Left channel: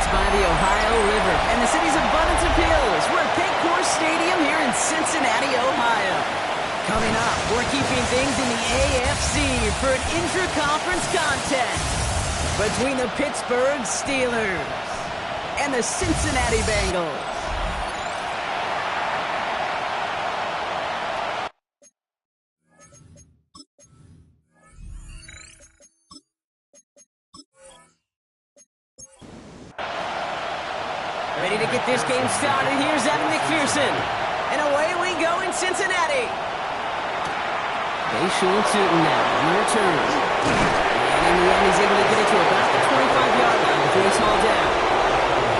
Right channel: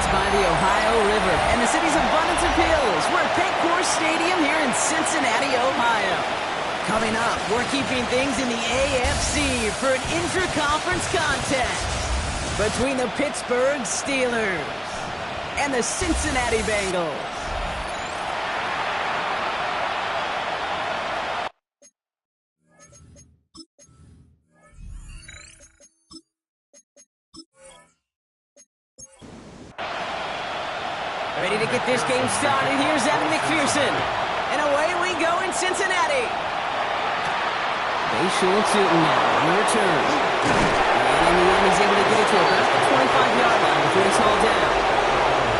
Built by the Ohio River and the city's abundance of hills. We're at Paycor Stadium here in Cincinnati, Ohio. Coming up, we're keeping things in the AFC for an intra-conference contest between the Pittsburgh Steelers and the Cincinnati Bengals. Ready to get this game started. Here's Evan McPherson. And away we go in Cincinnati. Bayshul Tootin now on the return. And in the end, he's able to get it to about the 25-yard line before he's hauled down.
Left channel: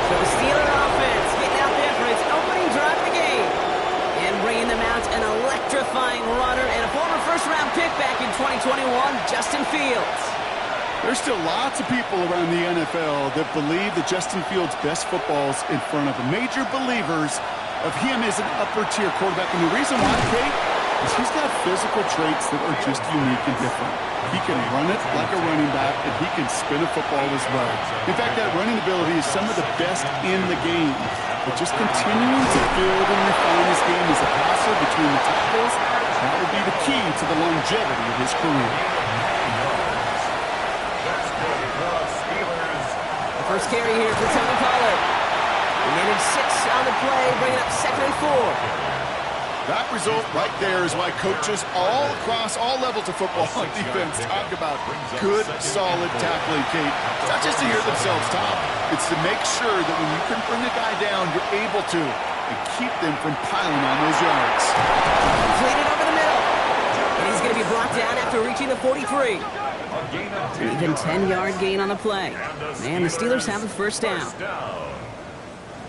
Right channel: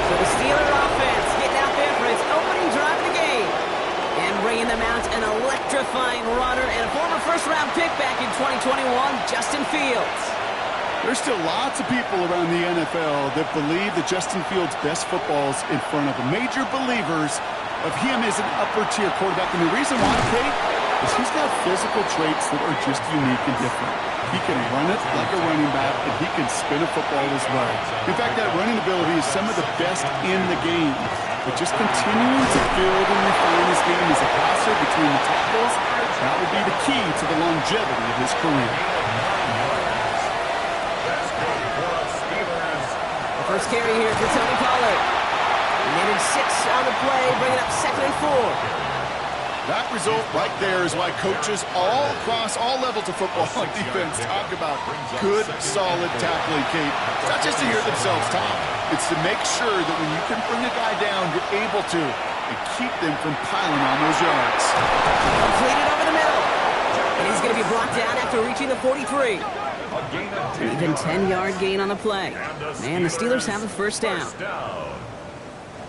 So the Steeler offense getting out there for its opening drive of the game. And bringing them out an electrifying runner and a former first-round pick back in 2021, Justin Fields. There's still lots of people around the NFL that believe that Justin Fields' best football is in front of them. Major believers of him as an upper-tier quarterback. And the reason why, Kate, is he's got physical traits that are just unique and different. He can run it like a running back, and he can spin a football as well. In fact, that running ability is some of the best in the game. But just continuing to build and refine his game as a passer between the tackles, that will be the key to the longevity of his career. First carry here for Tony Pollard. He netted 6 on the play, bringing up 2nd and 4. That result right there is why coaches all across all levels of football and defense talk about good, solid tackling, Kate. It's not just to hear themselves talk. It's to make sure that when you can bring a guy down, you're able to and keep them from piling on those yards. Completed over the middle. And he's going to be brought down after reaching the 43. An even 10-yard gain on the play. Man, the Steelers have the first down.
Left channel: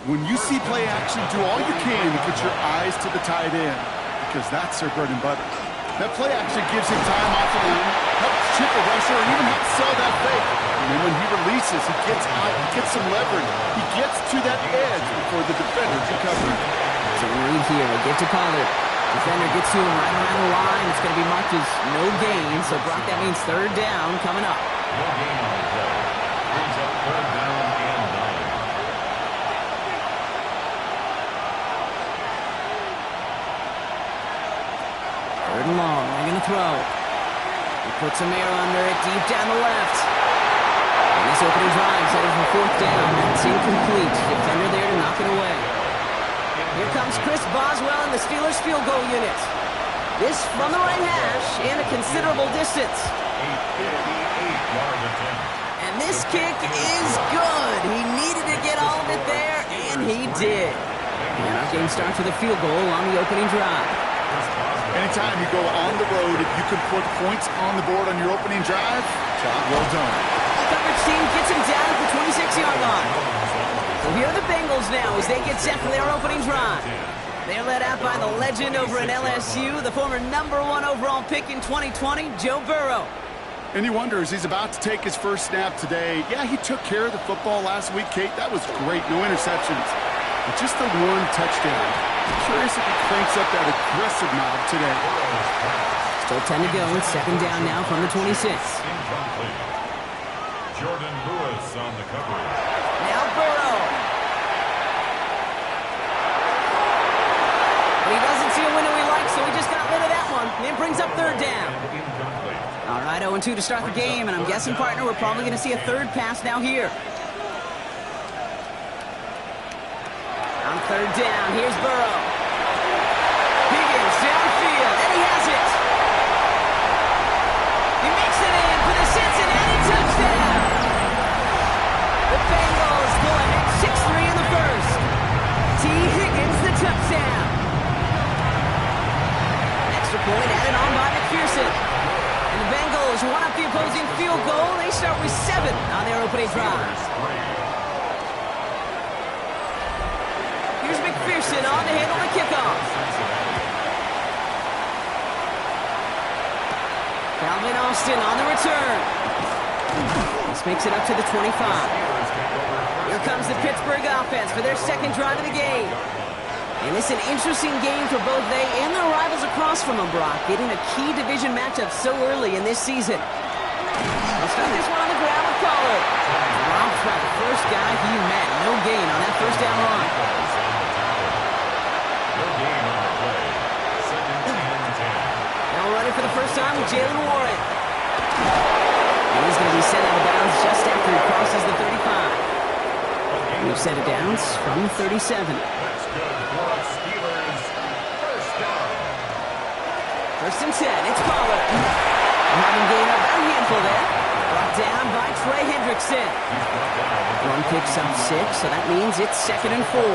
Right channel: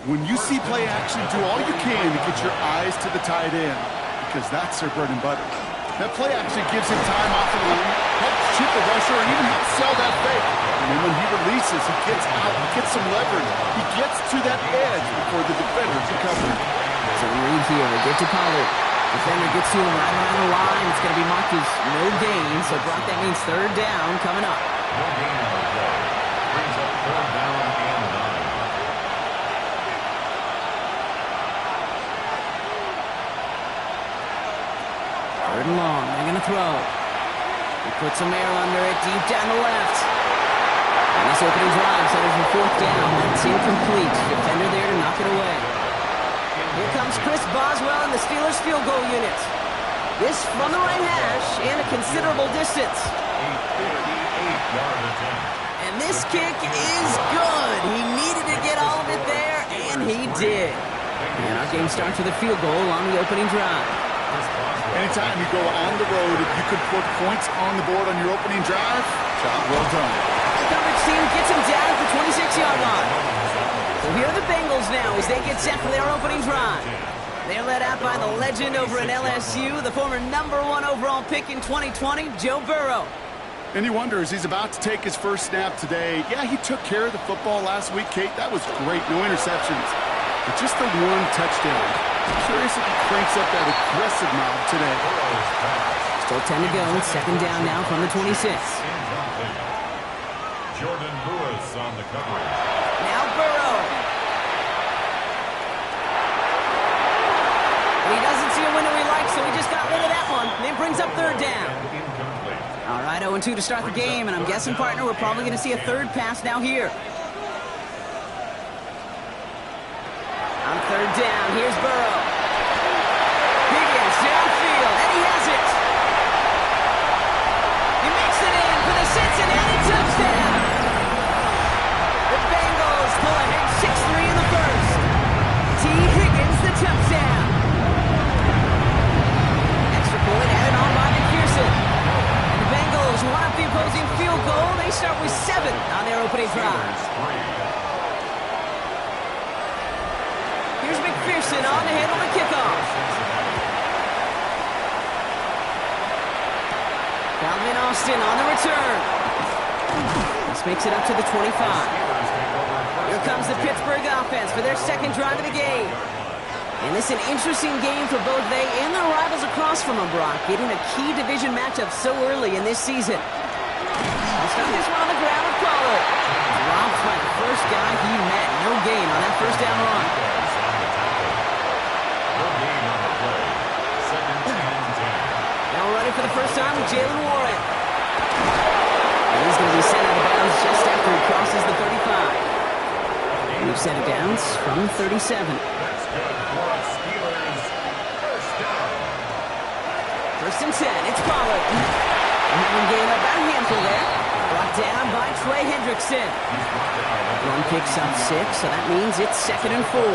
When you see play action, do all you can to get your eyes to the tight end, because that's their bread and butter. That play action gives him time off the line, helps chip a rusher, or even helps sell that fake. And then when he releases, he gets out, gets some leverage. He gets to that edge before the defender can cover him. So read here, they get to Pollard. Defender gets to him right around the line. It's going to be marked as no gain. So, Brock, that means 3rd down coming up. No gain on the play. Brings up 3rd down and 9. 3rd and long. They're going to throw. He puts some air under it deep down the left. And this opening drive headed for 4th down. That's incomplete. Defender there to knock it away. Here comes Chris Boswell and the Steelers field goal unit. This from the right hash and a considerable distance. A 58-yard attempt. And this kick is good. He needed to get all of it there, and he did. And our game starts with a field goal on the opening drive. Anytime you go on the road, if you could put points on the board on your opening drive, job well done. The coverage team gets him down at the 26-yard line. So here are the Bengals now as they get set for their opening drive. They're led out by the legend over in LSU, the former #1 overall pick in 2020, Joe Burrow. And you wonder, as he's about to take his first snap today, yeah, he took care of the football last week, Kate. That was great. No interceptions. But just the 1 touchdown. I'm curious if he cranks up that aggressive knob today. Still 10 to go. 2nd down now from the 26. Incomplete. Jordan Lewis on the coverage. Now Burrow. But he doesn't see a window he likes, so he just got rid of that one. And it brings up 3rd down. All right, 0-2 to start the game, and I'm guessing, partner, we're probably going to see a 3rd pass now here. On 3rd down, here's Burrow. Higgins downfield, and he has it. He makes it in for the Cincinnati touchdown. The Bengals pull ahead 6-3 in the first. T. Higgins, the touchdown. Extra point added on by McPherson. And the Bengals one up the opposing field goal. They start with 7 on their opening drive. Here's McPherson on to handle the kickoff. Calvin Austin on the return. This makes it up to the 25. Here comes the Pittsburgh offense for their 2nd drive of the game. And this is an interesting game for both they and their rivals across from them, Brock, getting a key division matchup so early in this season. He'll start this one on the ground with Collar. Dropped by the first guy he met. No gain on that first down run. No gain on the play. Second and 10. Now running for the first time with Jalen Warren. And he's going to be sent out of bounds just after he crosses the 35. We've set it downs from the 37. That's good for a Steelers first down. First and 10, it's Pollard. We'll have him gain about a handful there. Brought down by Trey Hendrickson. He's brought down. One picks up 6, so that means it's second and 4. 6.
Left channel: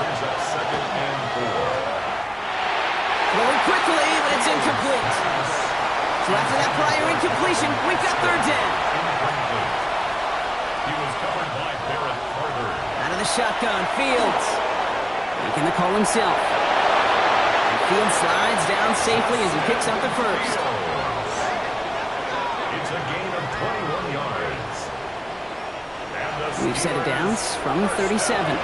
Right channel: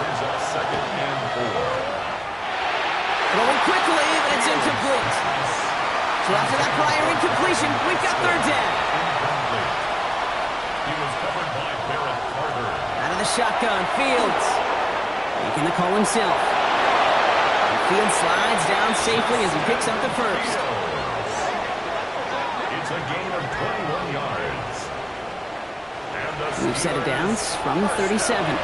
Brings up second and 4. Throwing quickly, but it's incomplete. So after that prior incompletion, we've got third down. Incomplete. He was covered by Barrett Carter. Out of the shotgun, Fields. Making the call himself. And Fields slides down safely as he picks up the first. It's a gain of 21 yards. And the We've set it downs from the 37. A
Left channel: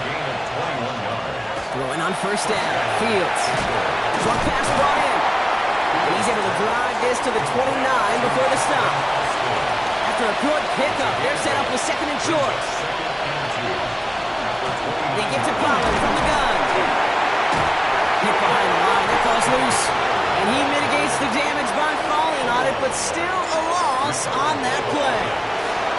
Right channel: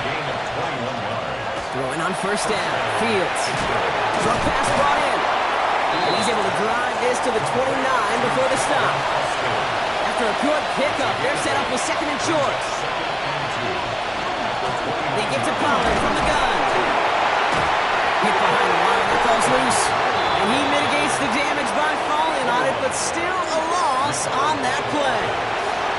gain of 21 yards. Throwing on first down, Fields. Short pass brought in. And he's able to drive this to the 29 before the stop. After a good pickup, they're set up with second and short. They get to Pollard from the gun. Hit behind the line, that ball's loose. And he mitigates the damage by falling on it, but still a loss on that play.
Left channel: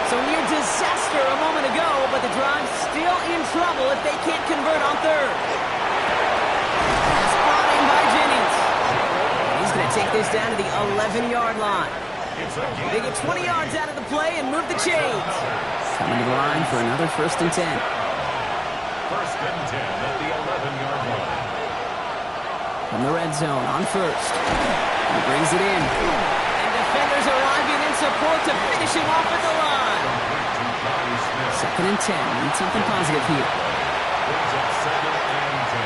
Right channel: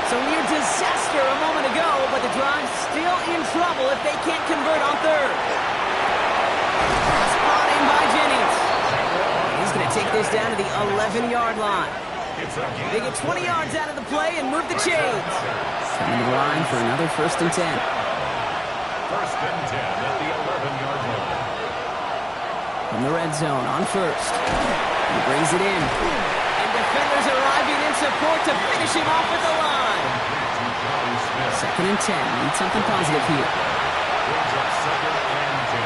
So near disaster a moment ago, but the drive's still in trouble if they can't convert on third. Pass brought in by Jennings. He's going to take this down to the 11-yard line. They get 20 yards out of the play and move the chains. Coming to the line for another first and 10. First and 10 at the 11-yard line. From the red zone on first. He brings it in. And defenders arriving in support to finish him off at the line. Second and 10. Need something positive here. Brings up second and 10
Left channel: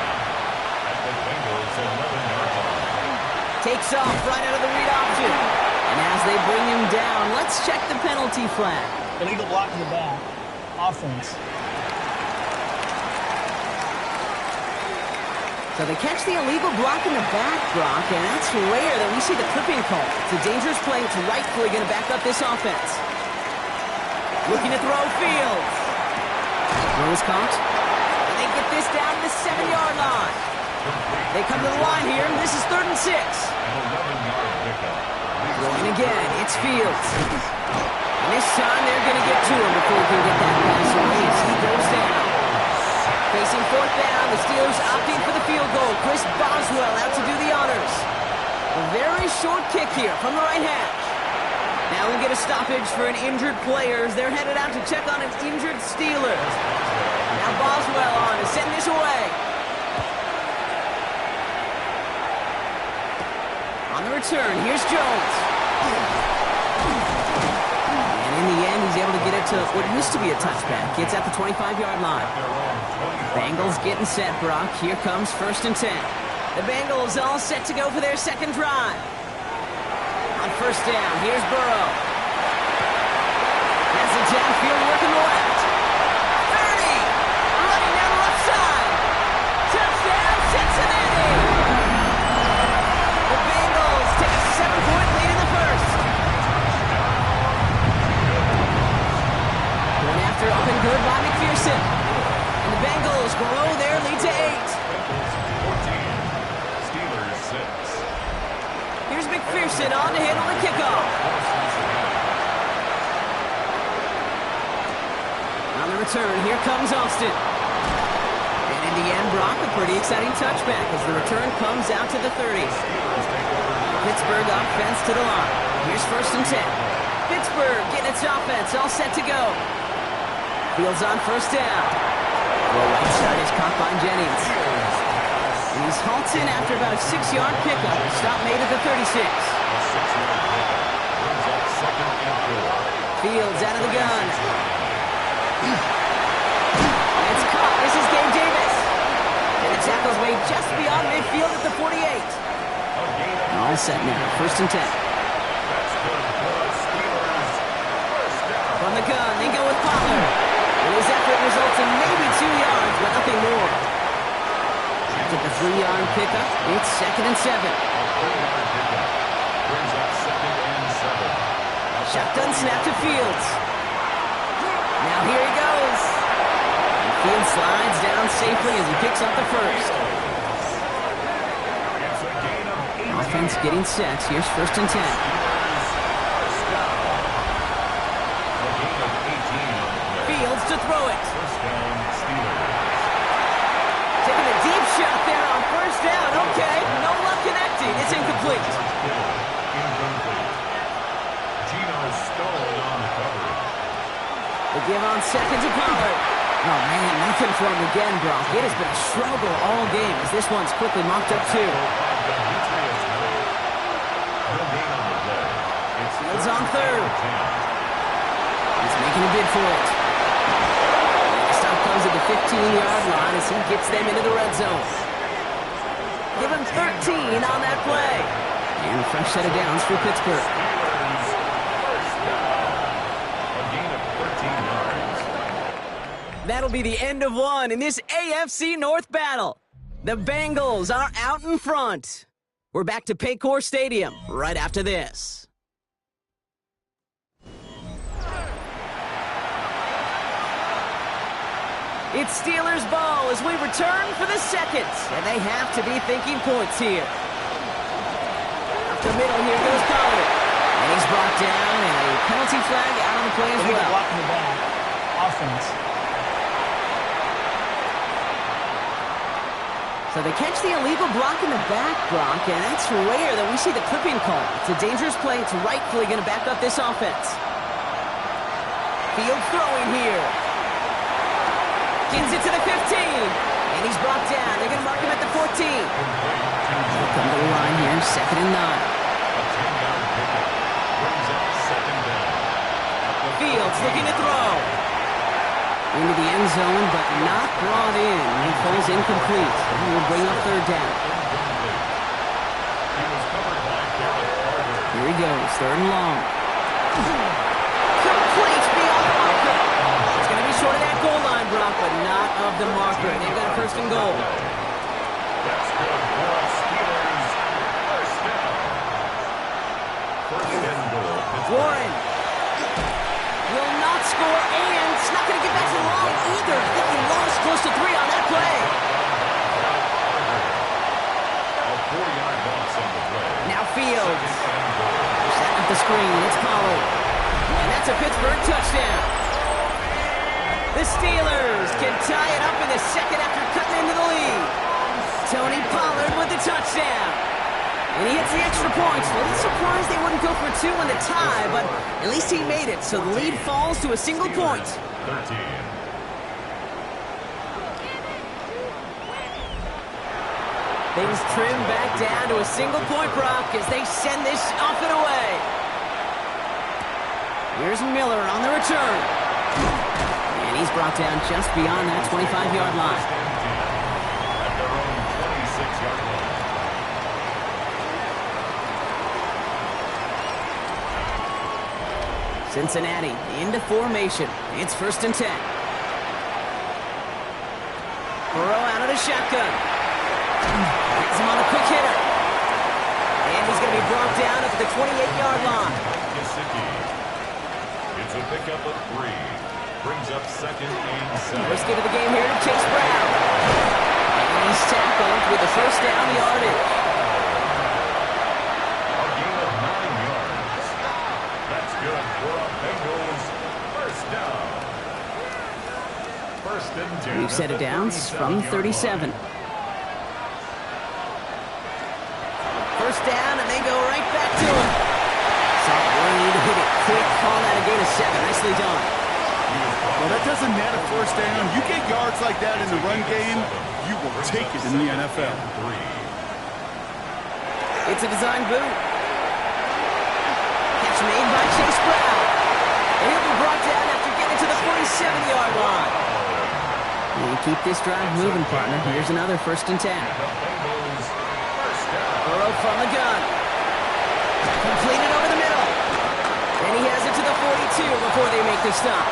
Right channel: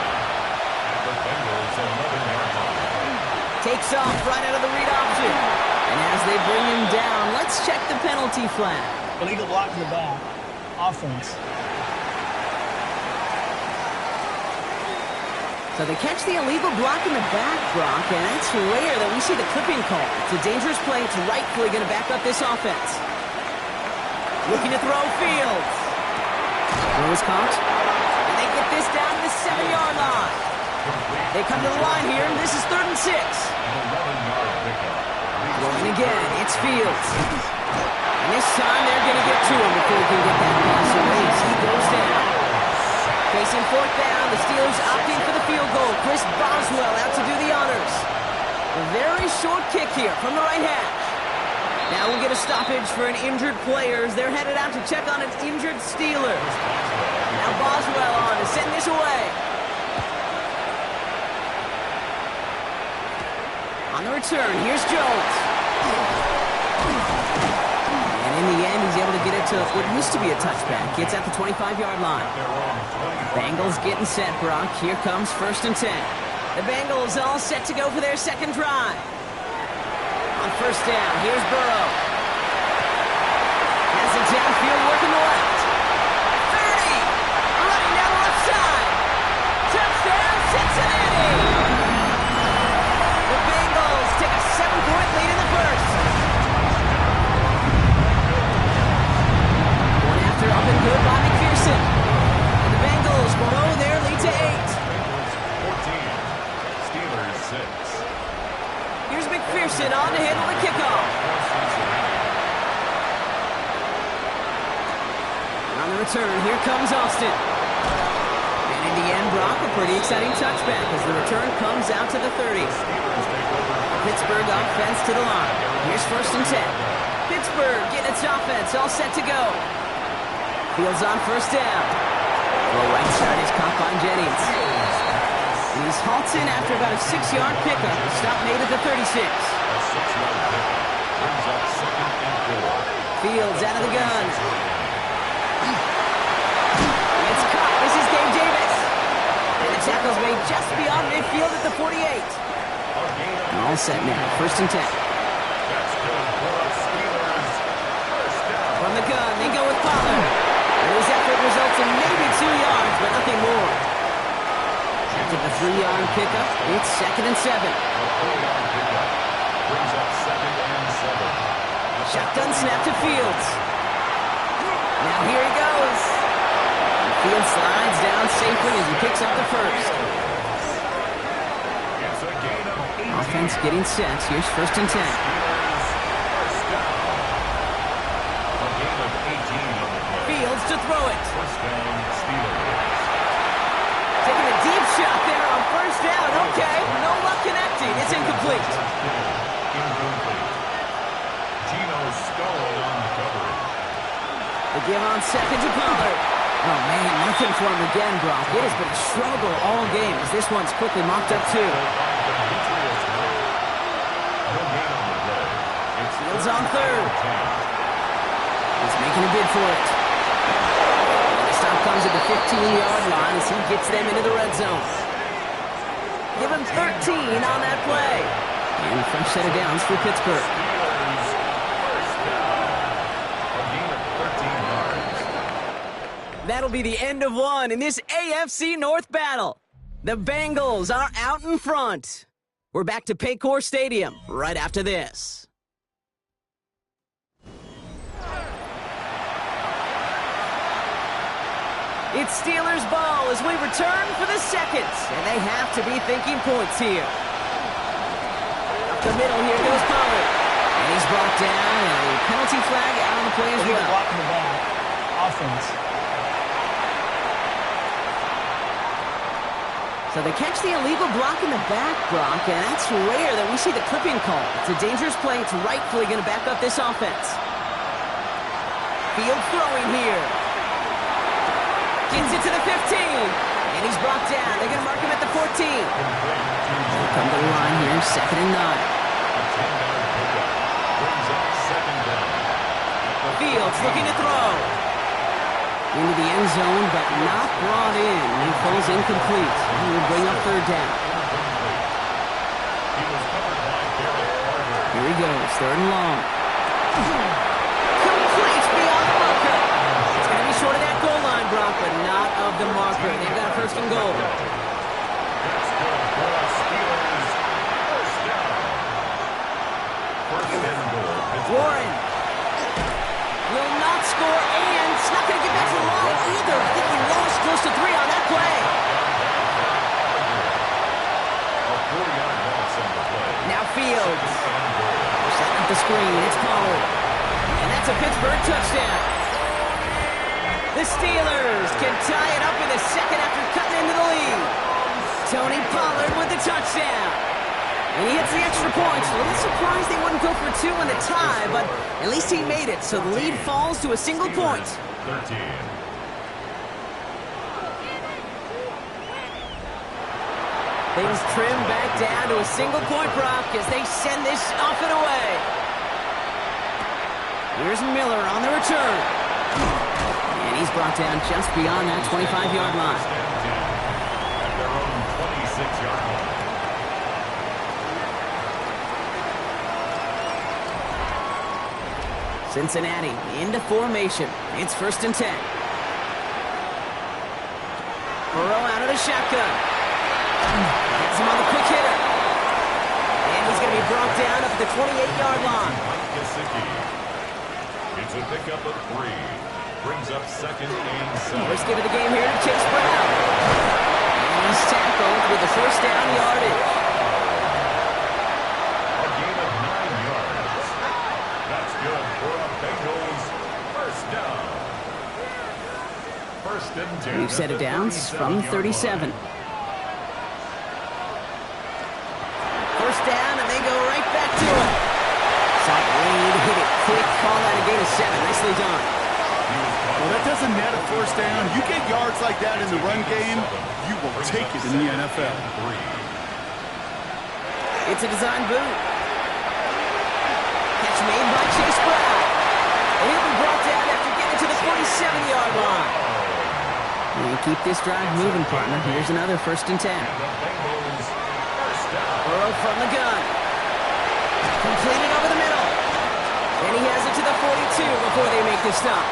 at the Bengals 11-yard line. Takes off right out of the read option. And as they bring him down, let's check the penalty flag. Illegal block in the back. Offense. So they catch the illegal block in the back, Brock, and that's rare that we see the clipping call. It's a dangerous play. It's rightfully going to back up this offense. Looking to throw Fields. Throw is caught. And they get this down to the 7-yard line. They come to the line here, and this is third and 6. An 11-yard pickup. Throwing again, it's Fields. And this time they're going to get to him before he can get that pass away as he goes down. Facing fourth down, the Steelers opting for the field goal. Chris Boswell out to do the honors. A very short kick here from the right hash. Now we'll get a stoppage for an injured player as they're headed out to check on an injured Steeler. Now Boswell on to send this away. On the return, here's Jones. And in the end, he's able to get it to what used to be a touchback. It's at the 25-yard line. Bengals getting set, Brock. Here comes first and 10. The Bengals all set to go for their second drive. On first down, here's Burrow. Has the downfield working the left. 30! Running down the left side. Touchdown, Cincinnati! The Bengals take a 7-point lead in the first. One after up and good by McPherson. And the Bengals grow their lead to 8. Bengals 14. Steelers 6. Here's McPherson on to handle the kickoff. On the return, here comes Austin. And in the end, Brock, a pretty exciting touchback as the return comes out to the 30. Pittsburgh offense to the line. Here's first and 10. Pittsburgh getting its offense all set to go. Fields on first down. Well, right side is caught by Jennings. And he's halted after about a 6-yard pickup. Stop made at the 36. A 6-yard pickup brings up second and 4. Fields out of the gun. It's caught. This is Gabe Davis. And the tackle's made just beyond midfield at the 48. All set now. First and 10. That's good for the Steelers. First down. From the gun, they go with Pollard. And his effort results in maybe 2 yards, but nothing more. After the 3-yard pickup, it's second and 7. A 3-yard pickup brings up second Shotgun snap to Fields. Now here he goes. And Fields slides down safely as he picks up the first. It's a gain of 18. Offense getting set. Here's 1st and 10. Steelers first down. A gain of 18 on the play. Fields to throw it. First down, Steelers. Taking a deep shot there on 1st down. Okay, no luck connecting. It's incomplete. George Kittle, incomplete. Geno Stone on the coverage. The give on 2nd to Pollard. Oh, man, nothing for him again, Brock. It has been a struggle all game as this one's quickly mopped up, too. Demetrius Knight. No gain on the play. It's Fields on 3rd. 10. He's making a bid for it. And the stop comes at the 15-yard line as he gets them into the red zone. Give him 13 on that play. And a fresh set of downs for Pittsburgh. Steelers first down. A gain of 13 yards. That'll be the end of one in this AFC North battle. The Bengals are out in front. We're back to Paycor Stadium right after this. It's Steelers ball as we return for the second, and they have to be thinking points here. Up the middle, here goes Pollard. And he's brought down, and a penalty flag out on the play as Illegal well. block in the back. Offense. So they catch the illegal block in the back, Brock, and that's rare that we see the clipping call. It's a dangerous play. It's rightfully going to back up this offense. Fields throwing here. Gets it to the 15. And he's brought down. They're going to mark him at the 14. They'll come to the line here, 2nd and 9. A 10-yard pickup brings up 2nd down. Fields looking to throw. Into the end zone, but not brought in. He falls incomplete. And will bring up 3rd down. Incomplete. He was covered by Derek Carter. Here he goes, 3rd and long. Complete beyond the marker. It's going to be short of that goal line, Brock, but not of the marker. They've got a 1st and goal. That's good for us Steelers. First down. 1st and goal. Pittsburgh. Warren will not score, and it's not going to get back to the line either. I think he lost close to 3 on that play. A 4-yard loss on the play. Now Fields. 2nd and goal. They're setting up the screen. It's Pollard. And that's a Pittsburgh touchdown. The Steelers can tie it up in the second after cutting into the lead. Tony Pollard with the touchdown. And he hits the extra points. A little surprised they wouldn't go for 2 in the tie, but at least he made it. So the lead falls to a single point. 13. Things trim back down to a single point, Brock, as they send this off and away. Here's Miller on the return. And he's brought down just beyond that 25-yard line. 1st and 10 at their own 26-yard line. Cincinnati into formation. It's 1st and 10. Burrow out of the shotgun. Gets him on the quick hitter. And he's going to be brought down up at the 28-yard line. Mike Gesicki. It's a pickup of 3. Brings up 2nd and 7. First give of the game here to Chase Brown. And he's tackled with the 1st down yardage. A gain of 9 yards. That's good for a Bengals 1st down. 1st and 10. We've set it downs from 37. 1st down, and they go right back to it. Saw Blade hit it quick. Call that a gain of 7. Nicely done. Well, that doesn't net a 1st down. You get yards like that in the run game, you will take it in the NFL. It's a design boot. Catch made by Chase Brown. And he'll be brought down after getting to the 47-yard line. And keep this drive moving, partner. Here's another 1st and 10. Burrow from the gun. Completed over the middle. And he has it to the 42 before they make the stop.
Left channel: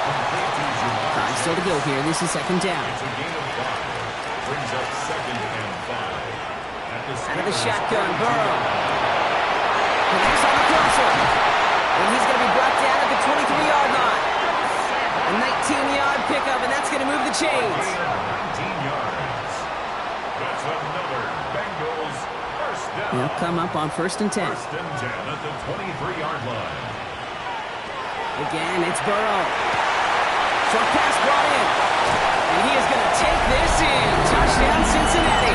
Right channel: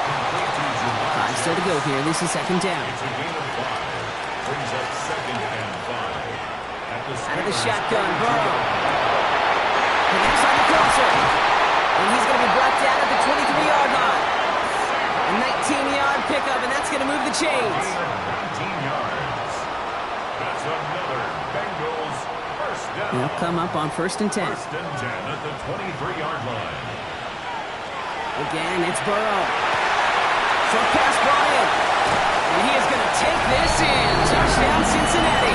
Time still to go here. This is 2nd down. It's a gain of 5. Brings up 2nd and 5. Out of the shotgun, Burrow. And he's on the crosser. And he's going to be brought down at the 23-yard line. A 19-yard pickup, and that's going to move the chains. 19 yards. That's another Bengals first down. They'll come up on 1st and 10. First and 10 at the 23-yard line. Again, it's Burrow. Short pass brought in. And he is going to take this in. Touchdown, Cincinnati.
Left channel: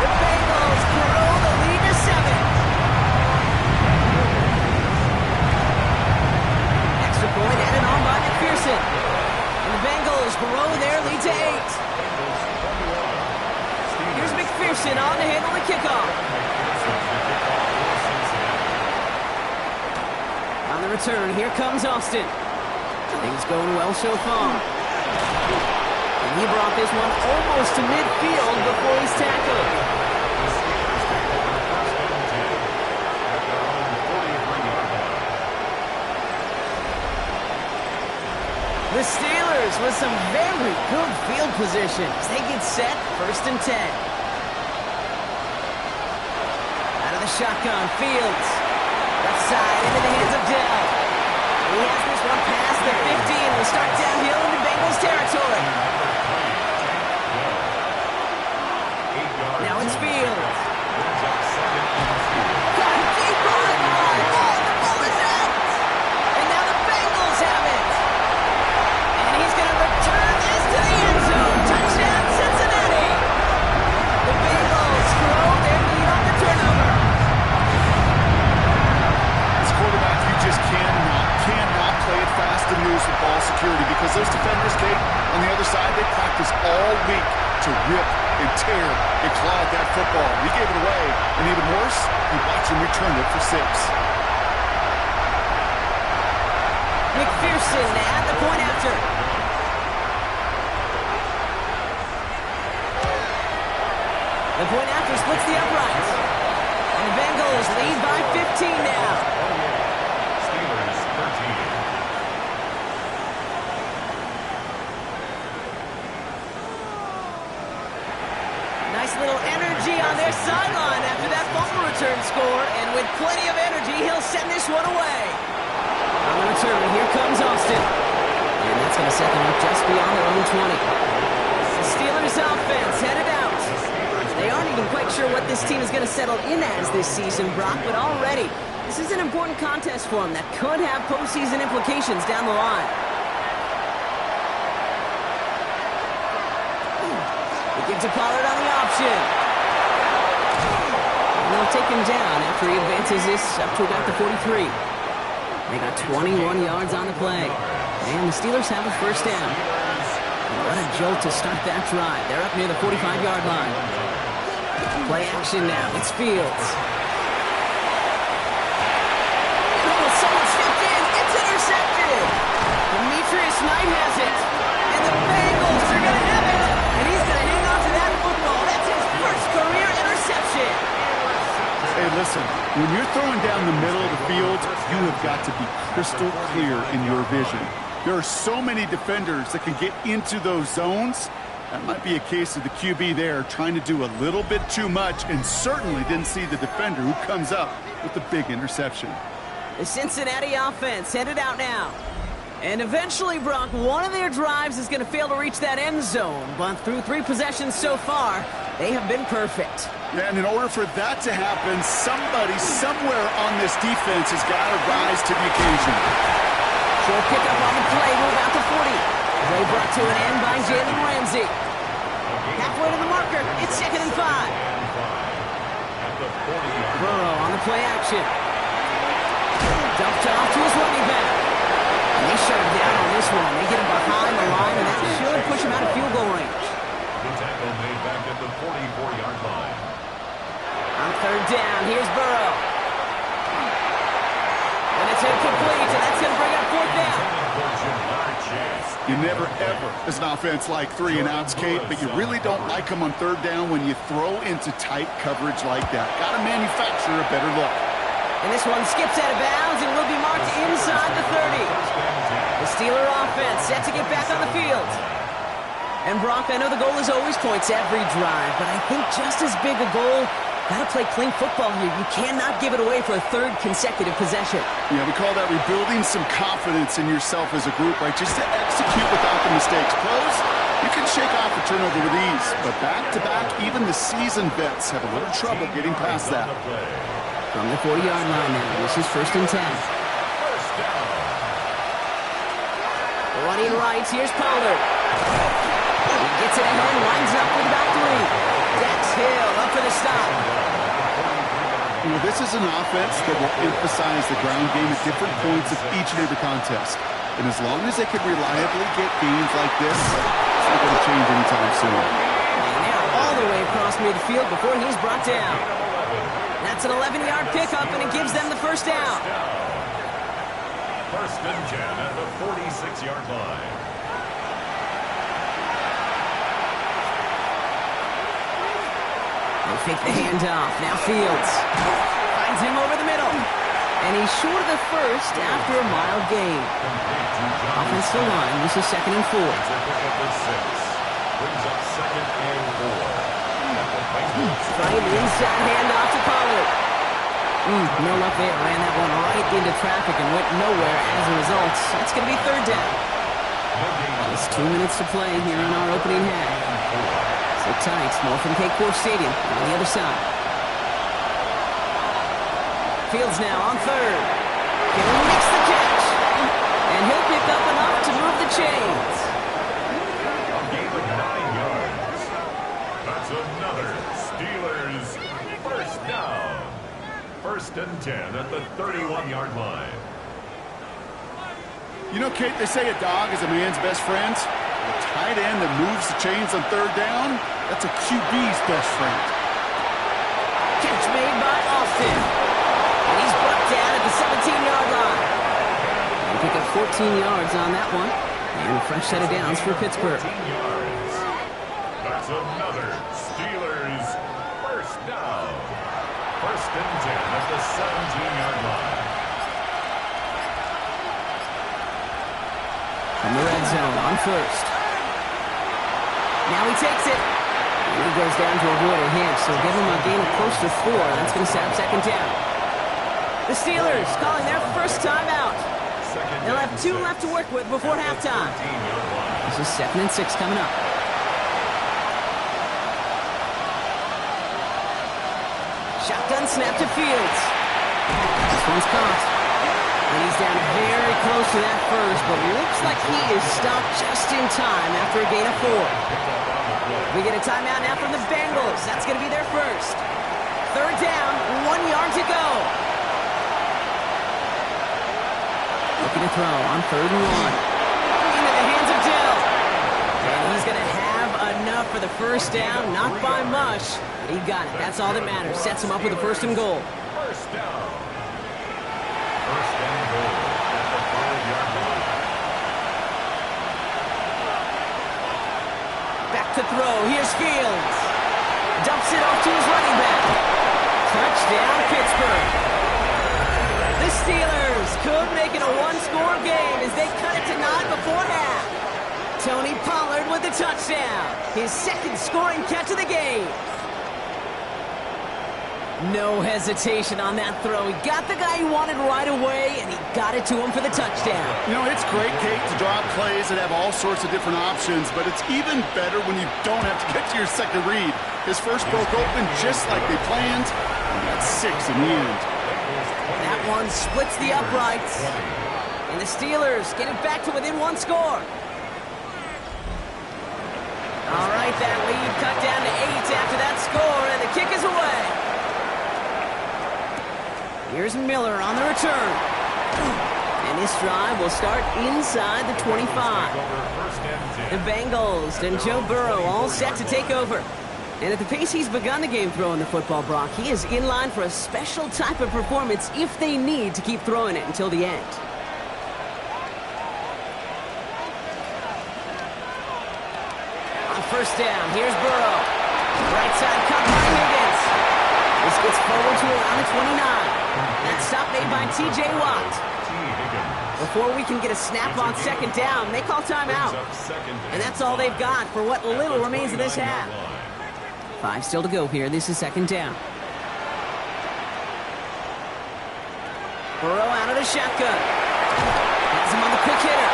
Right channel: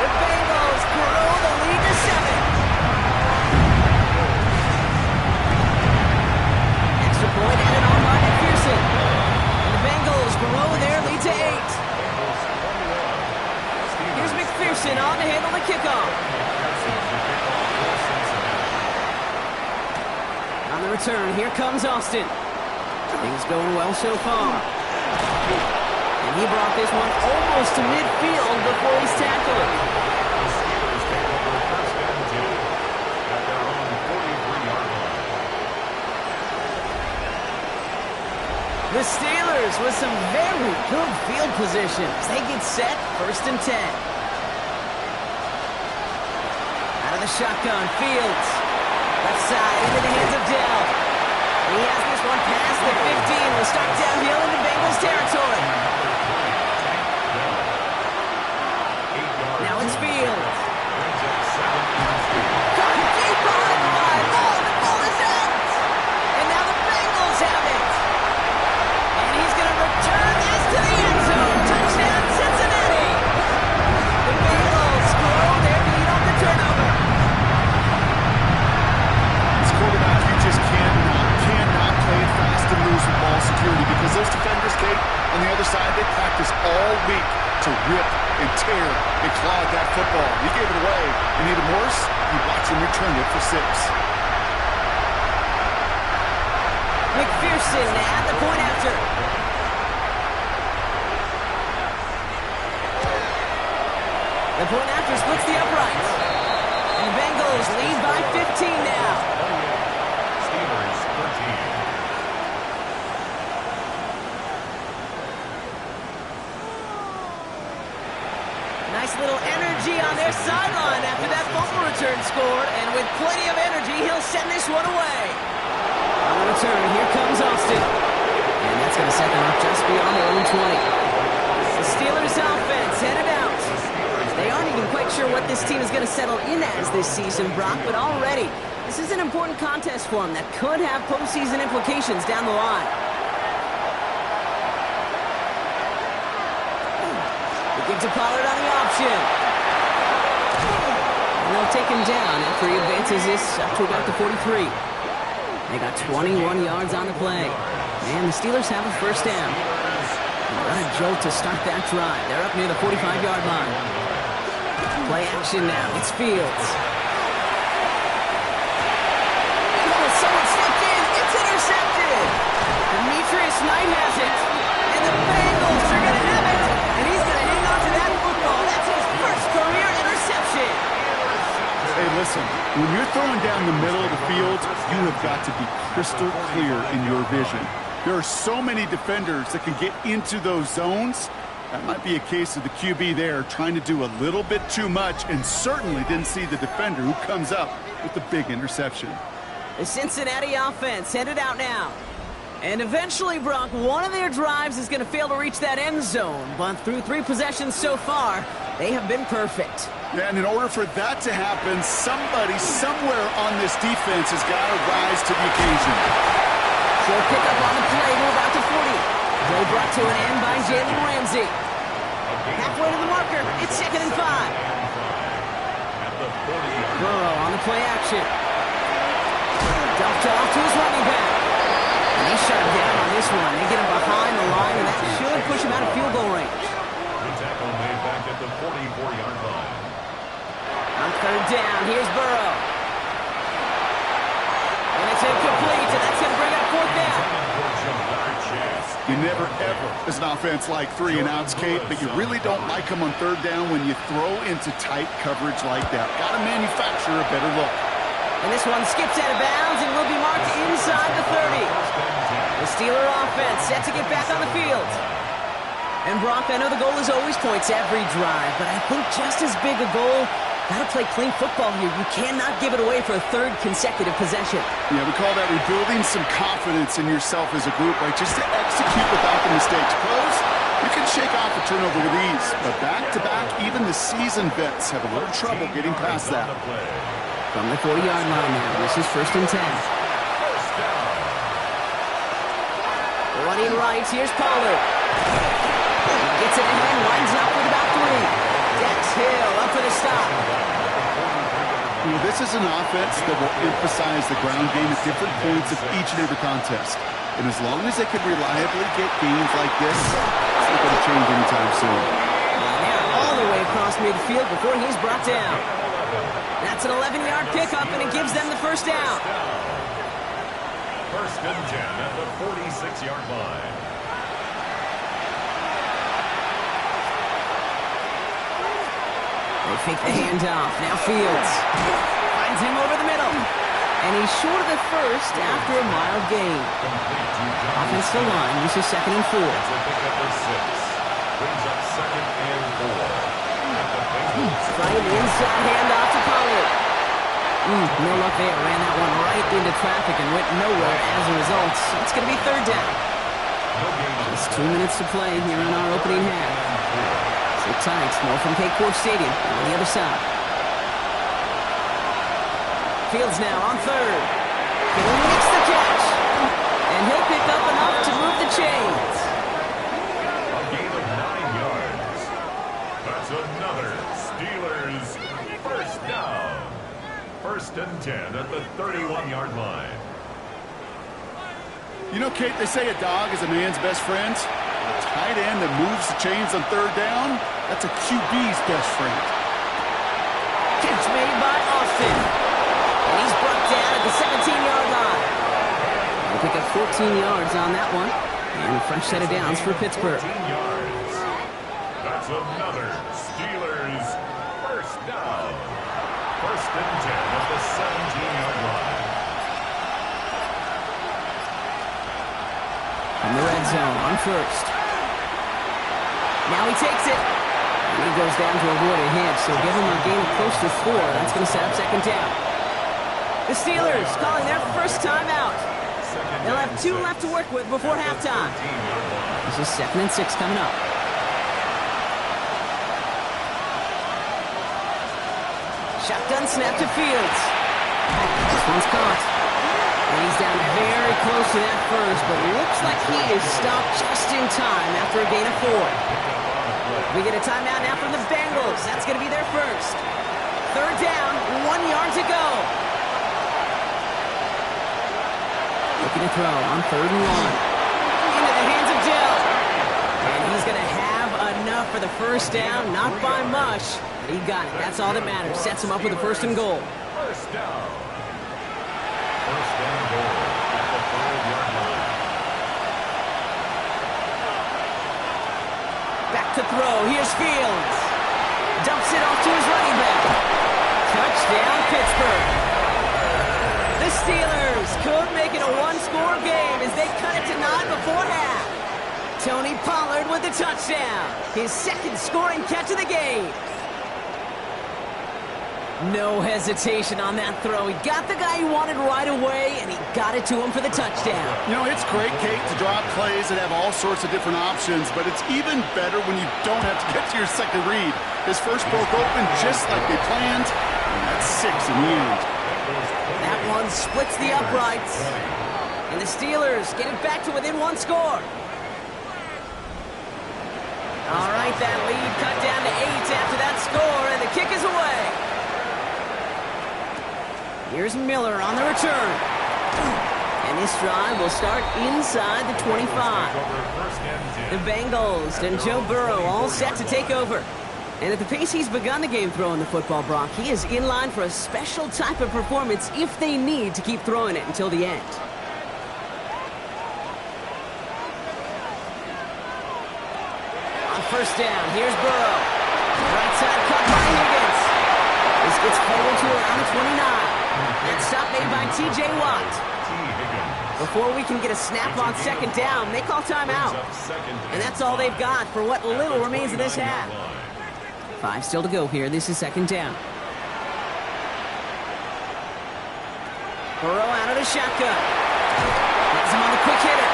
The Bengals grow the lead to 7. Extra point added on by McPherson. And the Bengals grow their lead to 8. Here's McPherson on to handle the kickoff. On the return, here comes Austin. Things going well so far. And he brought this one almost to midfield before he's tackled. The Steelers take over first and 10 at their own 43-yard line. The Steelers with some very good field position as they get set, 1st and 10. Out of the shotgun, Fields. Left side into the hands of Dell. He has this one past the 15. Will start downhill into Bengals territory. Now it's Fields. Got deep behind the line. Oh, the ball is out. And now the Bengals have it. And he's going to return this to the end zone. Touchdown, Cincinnati. The Bengals grow their lead on the turnover. This quarterback, you just cannot play it fast and loose with ball security because those defenders, Kate, on the other side, they practice all week to rip and tear and claw at that football. He gave it away, and even worse, you watch him return it for 6. McPherson at the point after. The point after splits the uprights. And the Bengals lead by 15 now. 28. Steelers 13. Nice little energy on their sideline after that fumble return scored. And with plenty of energy, he'll send this one away. On the return, here comes Austin. And that's going to set them up just beyond their own 20. The Steelers offense headed out. They aren't even quite sure what this team is going to settle in as this season, Brock, but already this is an important contest for them that could have postseason implications down the line. They give to Pollard on the option. And they'll take him down after he advances this up to about the 43. They got 21 yards on the play. And the Steelers have a first down. And what a jolt to start that drive. They're up near the 45-yard line. Play action now. It's Fields. And someone stepped in. It's intercepted. Demetrius Knight has it. And the Bengals are going to have it. And he's going to hang on to that football. That's his first career interception. Hey, listen, when you're throwing down the middle of the field, you have got to be crystal clear in your vision. There are so many defenders that can get into those zones. That might be a case of the QB there trying to do a little bit too much and certainly didn't see the defender who comes up with the big interception. The Cincinnati offense headed out now. And eventually, Brock, one of their drives is going to fail to reach that end zone. But through 3 possessions so far, they have been perfect. Yeah, and in order for that to happen, somebody somewhere on this defense has got to rise to the occasion. Short pickup on the play to about the 40. Play brought to an end by Jalen Ramsey. Halfway to the marker, it's 2nd and 5. At the 40-yard line. Burrow on the play action. Dumped off to his running back. And they shut him down on this one. They get him behind the line, and that should push him out of field goal range. The tackle made back at the 44-yard line. On 3rd down, here's Burrow. And it's incomplete, and that's going to bring up 4th down. You never, ever, as an offense, like 3 and outs, Kate, but you really don't like them on 3rd down when you throw into tight coverage like that. Got to manufacture a better look. And this one skips out of bounds and will be marked inside the 30. The Steeler offense set to get back on the field. And Brock, I know the goal is always points every drive, but I think just as big a goal Got to play clean football here. You cannot give it away for a third consecutive possession. Yeah, we call that rebuilding some confidence in yourself as a group, right? Just to execute without the mistakes. Pros, you can shake off a turnover with ease, but back-to-back, even the seasoned vets have a little trouble getting past that. From the 40-yard line now, this is 1st and 10. First down. Running right, here's Pollard. He gets it ahead, winds up with about 3. Dax Hill up for the stop. You know, this is an offense that will emphasize the ground game at different points of each and every contest. And as long as they can reliably get gains like this, it's not going to change anytime soon. And now all the way across midfield before he's brought down. That's an 11-yard pickup, and it gives them the first down. First and 10 at the 46-yard line. They fake the handoff. Now Fields finds him over the middle. And he's short of the first after a mild gain. Offensive line, this is 2nd and 4. It's a pickup of 6. Brings up 2nd and 4. At the Bengals. Trying the inside handoff to Pollard. No luck there. Ran that one right into traffic and went nowhere as a result. It's going to be 3rd down. Just 2 minutes to play here in our opening half. Sit tight. More from K-Core Stadium on the other side. Fields now on 3rd. Can he mix the catch? And he'll pick up enough to move the chains. A gain of 9 yards. That's another Steelers first down. 1st and 10 at the 31-yard line. You know, Kate, they say a dog is a man's best friend. A tight end that moves the chains on 3rd down, that's a QB's best friend. Catch made by Austin. And he's brought down at the 17-yard line. They pick up 14 yards on that one. And a fresh set of downs for Pittsburgh. 14 yards. That's another Steelers first down. 1st and 10 at the 17-yard line. From the red zone on 1st. Now he takes it. And he goes down to avoid a hit, so give him a gain of close to 4. That's going to set up 2nd down. The Steelers calling their first timeout. They'll have 2 left to work with before halftime. This is 2nd and 6 coming up. Shotgun snap to Fields. This one's caught. And he's down very close to that first, but looks like he is stopped just in time after a gain of 4. We get a timeout now from the Bengals. That's going to be their first. 3rd down, 1 yard to go. Looking to throw on 3rd and 1. Into the hands of Dell. And he's going to have enough for the first down, not by much. But he got it. That's all that matters. Sets him up with a 1st and goal. First down. 1st and goal at the 5-yard line. Back to throw. Here's Fields. Dumps it off to his running back. Touchdown, Pittsburgh. The Steelers could make it a 1-score game as they cut it to 9 before half. Tony Pollard with the touchdown. His 2nd scoring catch of the game. No hesitation on that throw. He got the guy he wanted right away, and he got it to him for the touchdown. You know, it's great, Kate, to draw up plays that have all sorts of different options, but it's even better when you don't have to get to your second read. His first broke open just like they planned, and that's 6 in the end. That one splits the uprights, and the Steelers get it back to within 1 score. All right, that lead cut down to 8 after that score, and the kick is away. Here's Miller on the return. And this drive will start inside the 25. The Bengals and Joe Burrow all set to take over. And at the pace he's begun the game throwing the football, Brock, he is in line for a special type of performance if they need to keep throwing it until the end. On 1st down, here's Burrow. Right side cut by Higgins. This gets forward to around the 29. That stop made by T.J. Watt. Before we can get a snap on 2nd down, they call timeout. And that's all they've got for what little remains of this half. 5 still to go here. This is 2nd down. Burrow out of the shotgun. Has him on the quick hitter.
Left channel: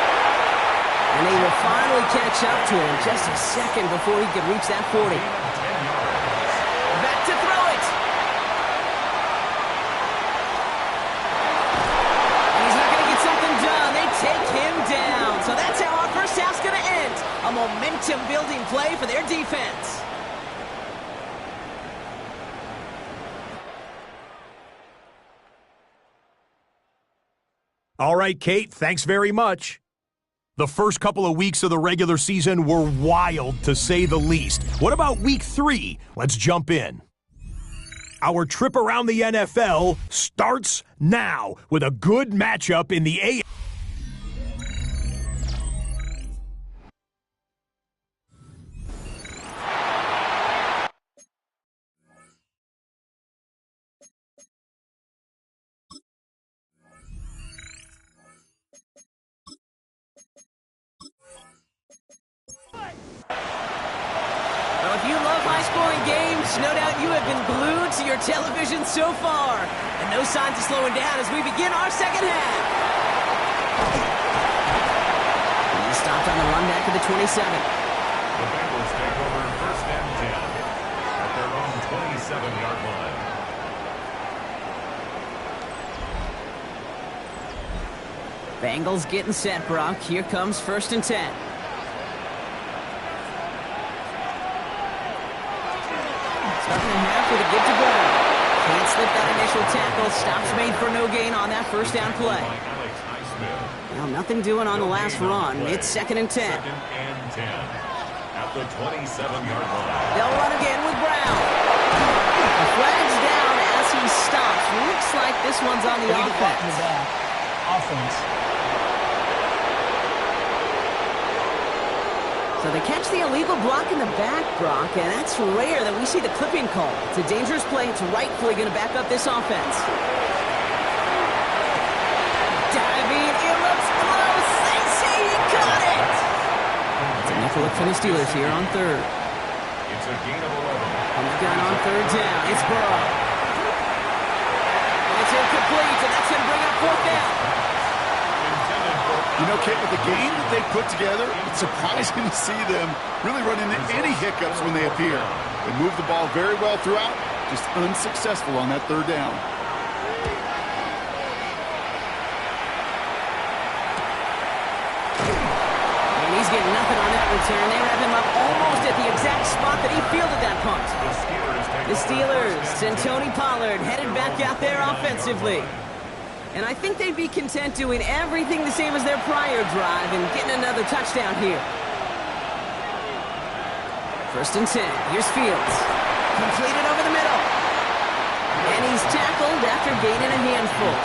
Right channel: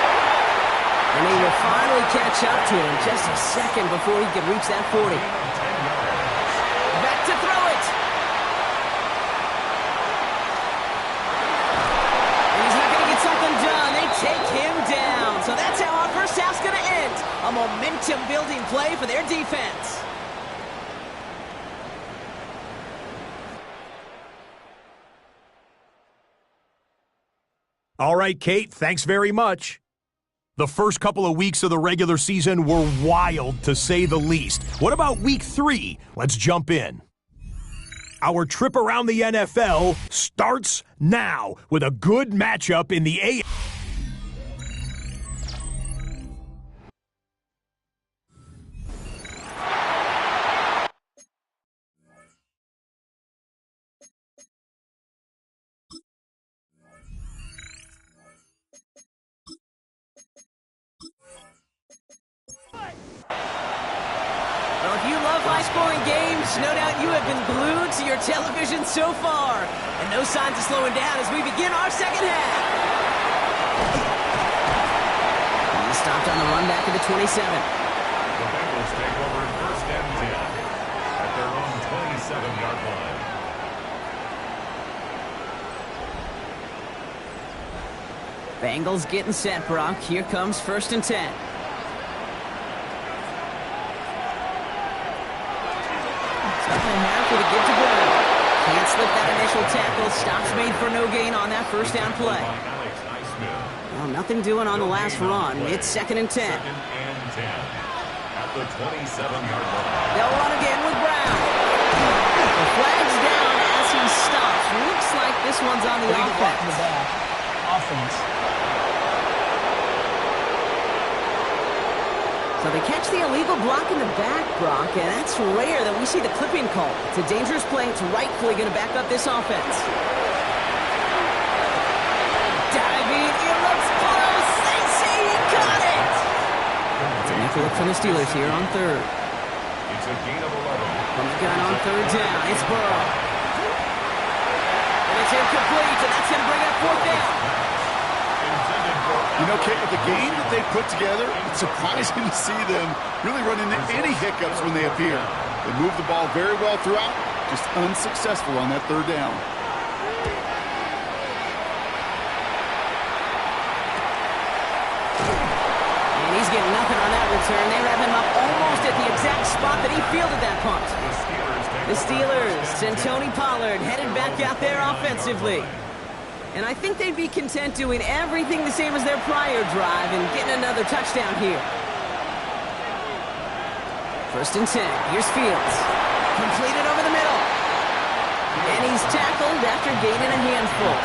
And they will finally catch up to him just a second before he could reach that 40. Back to throw it. And he's not going to get something done. They take him down. So that's how our first half's going to end. A momentum-building play for their defense. All right, Kate, thanks very much. The first couple of weeks of the regular season were wild, to say the least. What about week 3? Let's jump in. Our trip around the NFL starts now with a good matchup in the AFC. Well, if you love high-scoring games, no doubt you have been glued to your television so far. And no signs of slowing down as we begin our second half. He stopped on the run back of the 27. The Bengals take over first and 10 at their own 27-yard line. Bengals getting set, Brock. Here comes first and 10. Starting the half with a give to Brown. Can't slip that initial tackle. Stops made for no gain on that first down play. Well, nothing doing on the last run. It's second and 10. Second and 10 at the 27-yard line. They'll run again with Brown. The flag's down as he stops. Looks like this one's on the offense. Offense. So they catch the illegal block in the back, Brock, and that's rare that we see the clipping call. It's a dangerous play. It's rightfully going to back up this offense. Diving, it looks close. They say he caught it. It's a nickel look for the Steelers here on third. It's a gain of 11. From the gun on third down, it's Burrow. And it's incomplete, and that's going to bring up fourth down. You know, Kate, with the game that they put together, it's surprising to see them really run into any hiccups when they appear. They move the ball very well throughout, just unsuccessful on that third down. And he's getting nothing on that return. They wrap him up almost at the exact spot that he fielded that punt. The Steelers and Tony Pollard headed back out there offensively. And I think they'd be content doing everything the same as their prior drive and getting another touchdown here. First and 10. Here's Fields. Completed over the middle. And he's tackled after gaining a handful.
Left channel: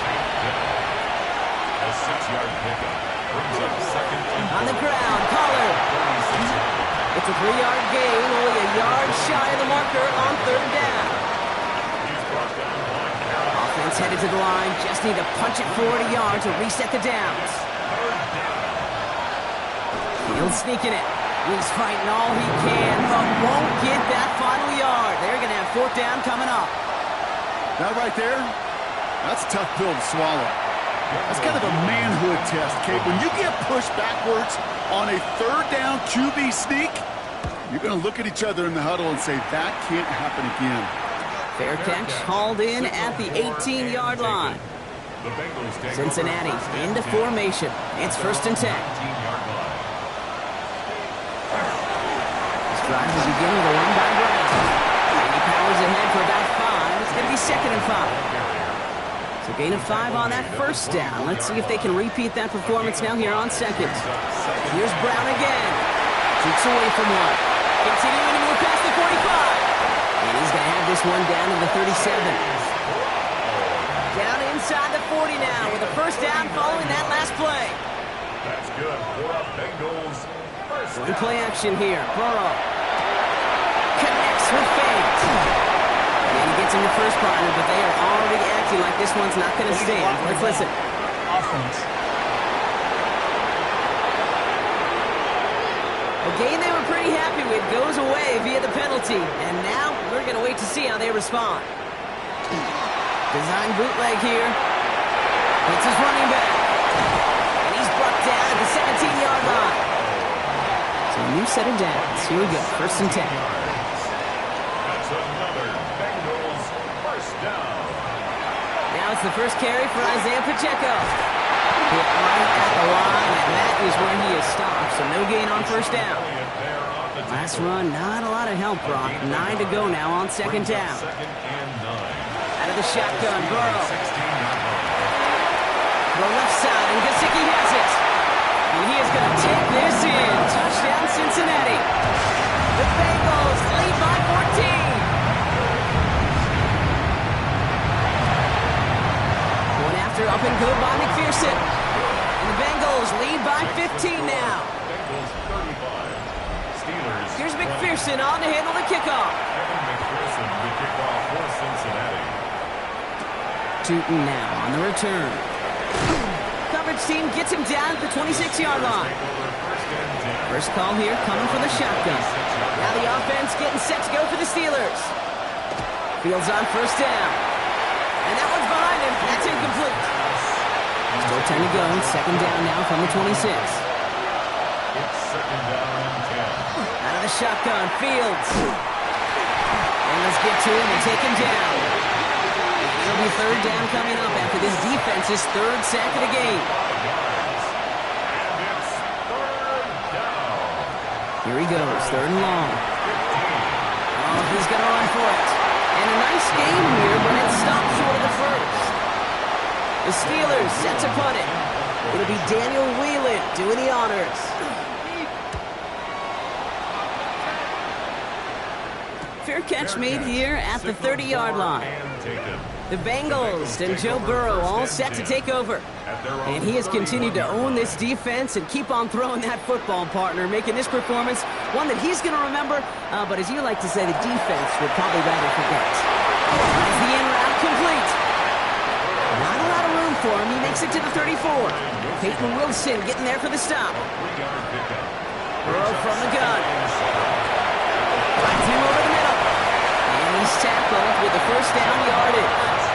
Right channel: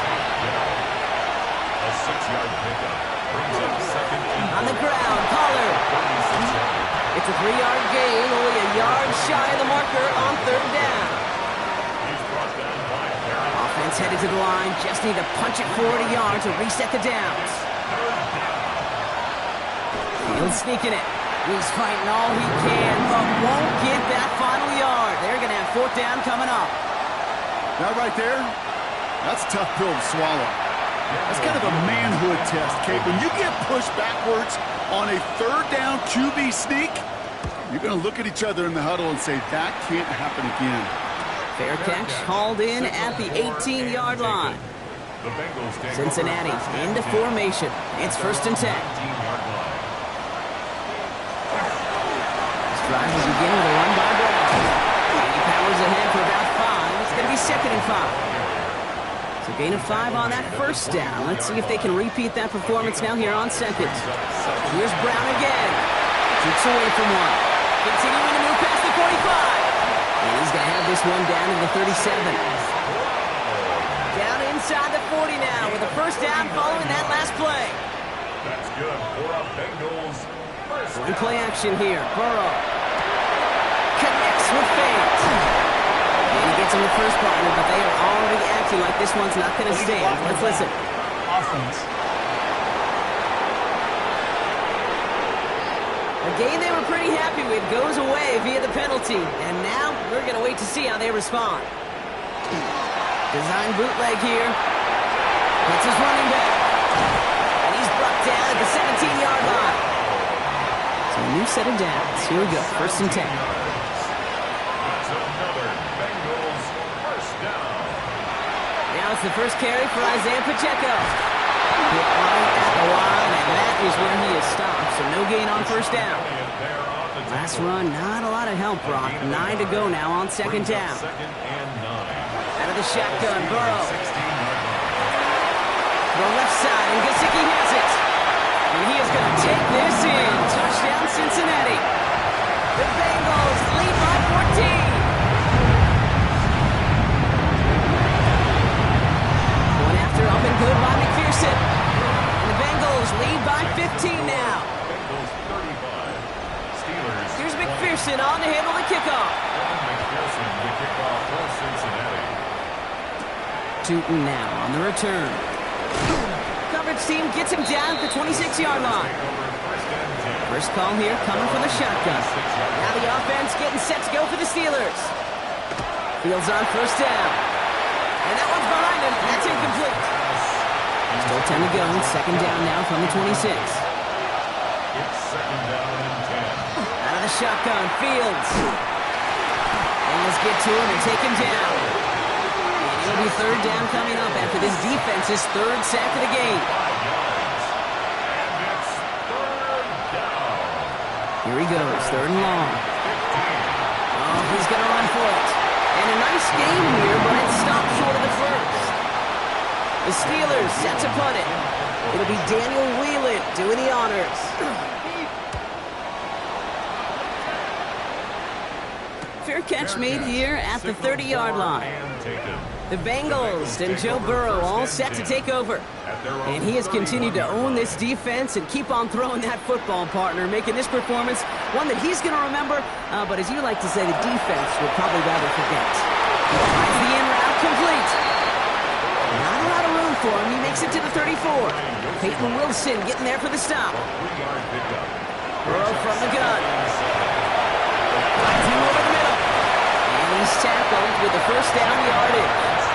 A 6-yard pickup brings up second and On the ground, Pollard. It's a 3-yard gain, only a yard shy of the marker on third down. He's brought down by Offense headed to the line. Just need to punch it 40 yards to reset the downs. Fields sneaking it. He's fighting all he can, but won't get that final yard. They're going to have fourth down coming up. That right there, that's a tough pill to swallow. That's kind of a manhood test, Kate. When you get pushed backwards on a third down QB sneak, you're going to look at each other in the huddle and say, that can't happen again. Fair catch hauled in at the 18-yard line. Cincinnati into formation. It's first and 10. This drive will begin with a run by Brown. And he powers ahead for about 5. It's going to be second and 5. So gain of 5 on that first down. Let's see if they can repeat that performance now here on second. Here's Brown again. Keeps away from one. Continuing to move past the 45. And he's going to have this one down to the 37. Down inside the 40 now with a first down following that last play. That's good for a Bengals first down. One play action here. Burrow connects with Fate. And he gets him the first partner, but they are already acting like this one's not going to stand. Let's listen. Offense. A game they were pretty happy with goes away via the penalty. And now we're going to wait to see how they respond. Design bootleg here. It's his running back. And he's brought down at the 17-yard line. So a new set of downs. Here we go, 1st and 10. That's another Bengals first down. Now it's the first carry for Isaiah Pacheco. Hit right at the line, and that is where he is stopped. So no gain on 1st down. Last run, not a lot of help, Brock. 9 to go now on 2nd down. Out of the shotgun, Burrow. The left side, and Gesicki has it. And he is going to take this in. Touchdown, Cincinnati. The Bengals lead by 14. One after, up and good by McPherson. And the Bengals lead by 15 now. Bengals 35. Steelers. Here's McPherson on to handle the kickoff. Evan McPherson, the kickoff for Cincinnati. Tootin now on the return. Coverage team gets him down at the 26-yard line. First call here coming from the shotgun. Now the offense getting set to go for the Steelers. Fields on 1st down. And that one's behind him. That's incomplete. Still 10 to go. 2nd down now from the 26. It's 2nd down and 10. Out of the shotgun, Fields. Bengals get to him and take him down. And it'll be 3rd down coming up after this defense's 3rd sack of the game. 5 yards. And it's 3rd down. Here he goes, 3rd and long. 15. Oh, he's going to run for it. And a nice game here, but it stopped short of the 1st. The Steelers set to punt it. It'll be Daniel Whelan doing the honors. Fair catch made here at the 30-yard line. The Bengals and Joe Burrow all set to take over. And he has continued to own this defense and keep on throwing that football, partner, making this performance one that he's going to remember, but as you like to say, the defense would probably rather forget. Tries the in route complete. Not a lot of room for him. He makes it to the 34. Peyton Wilson getting there for the stop. Burrow from the gun. Finds him over the middle. And he's tackled with the 1st down yardage.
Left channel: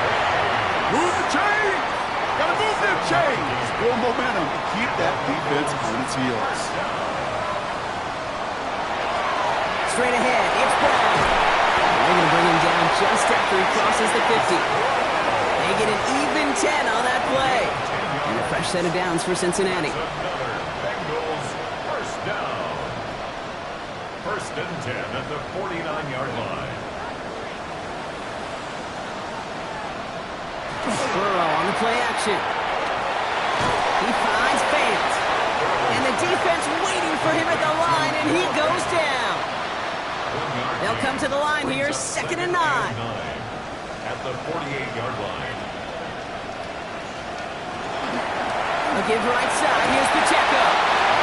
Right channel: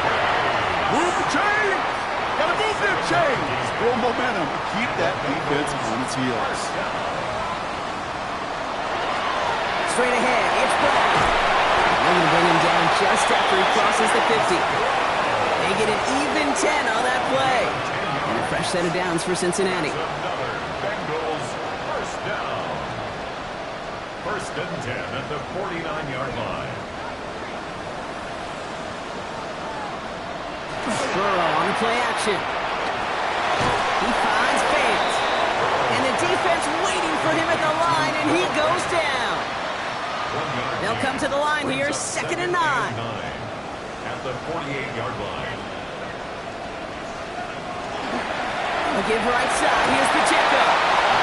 Move the chain! Gotta move them chains! Build momentum and keep that defense on its heels. Straight ahead, it's Brown. And they're going to bring him down just after he crosses the 50. They get an even 10 on that play. And a fresh set of downs for Cincinnati. Another Bengals first down. 1st and 10 at the 49-yard line. Burrow on the play action. He finds Fant. And the defense waiting for him at the line, and he goes down. They'll come to the line here, 2nd and 9. At the 48-yard line. A give right side, here's Pacheco.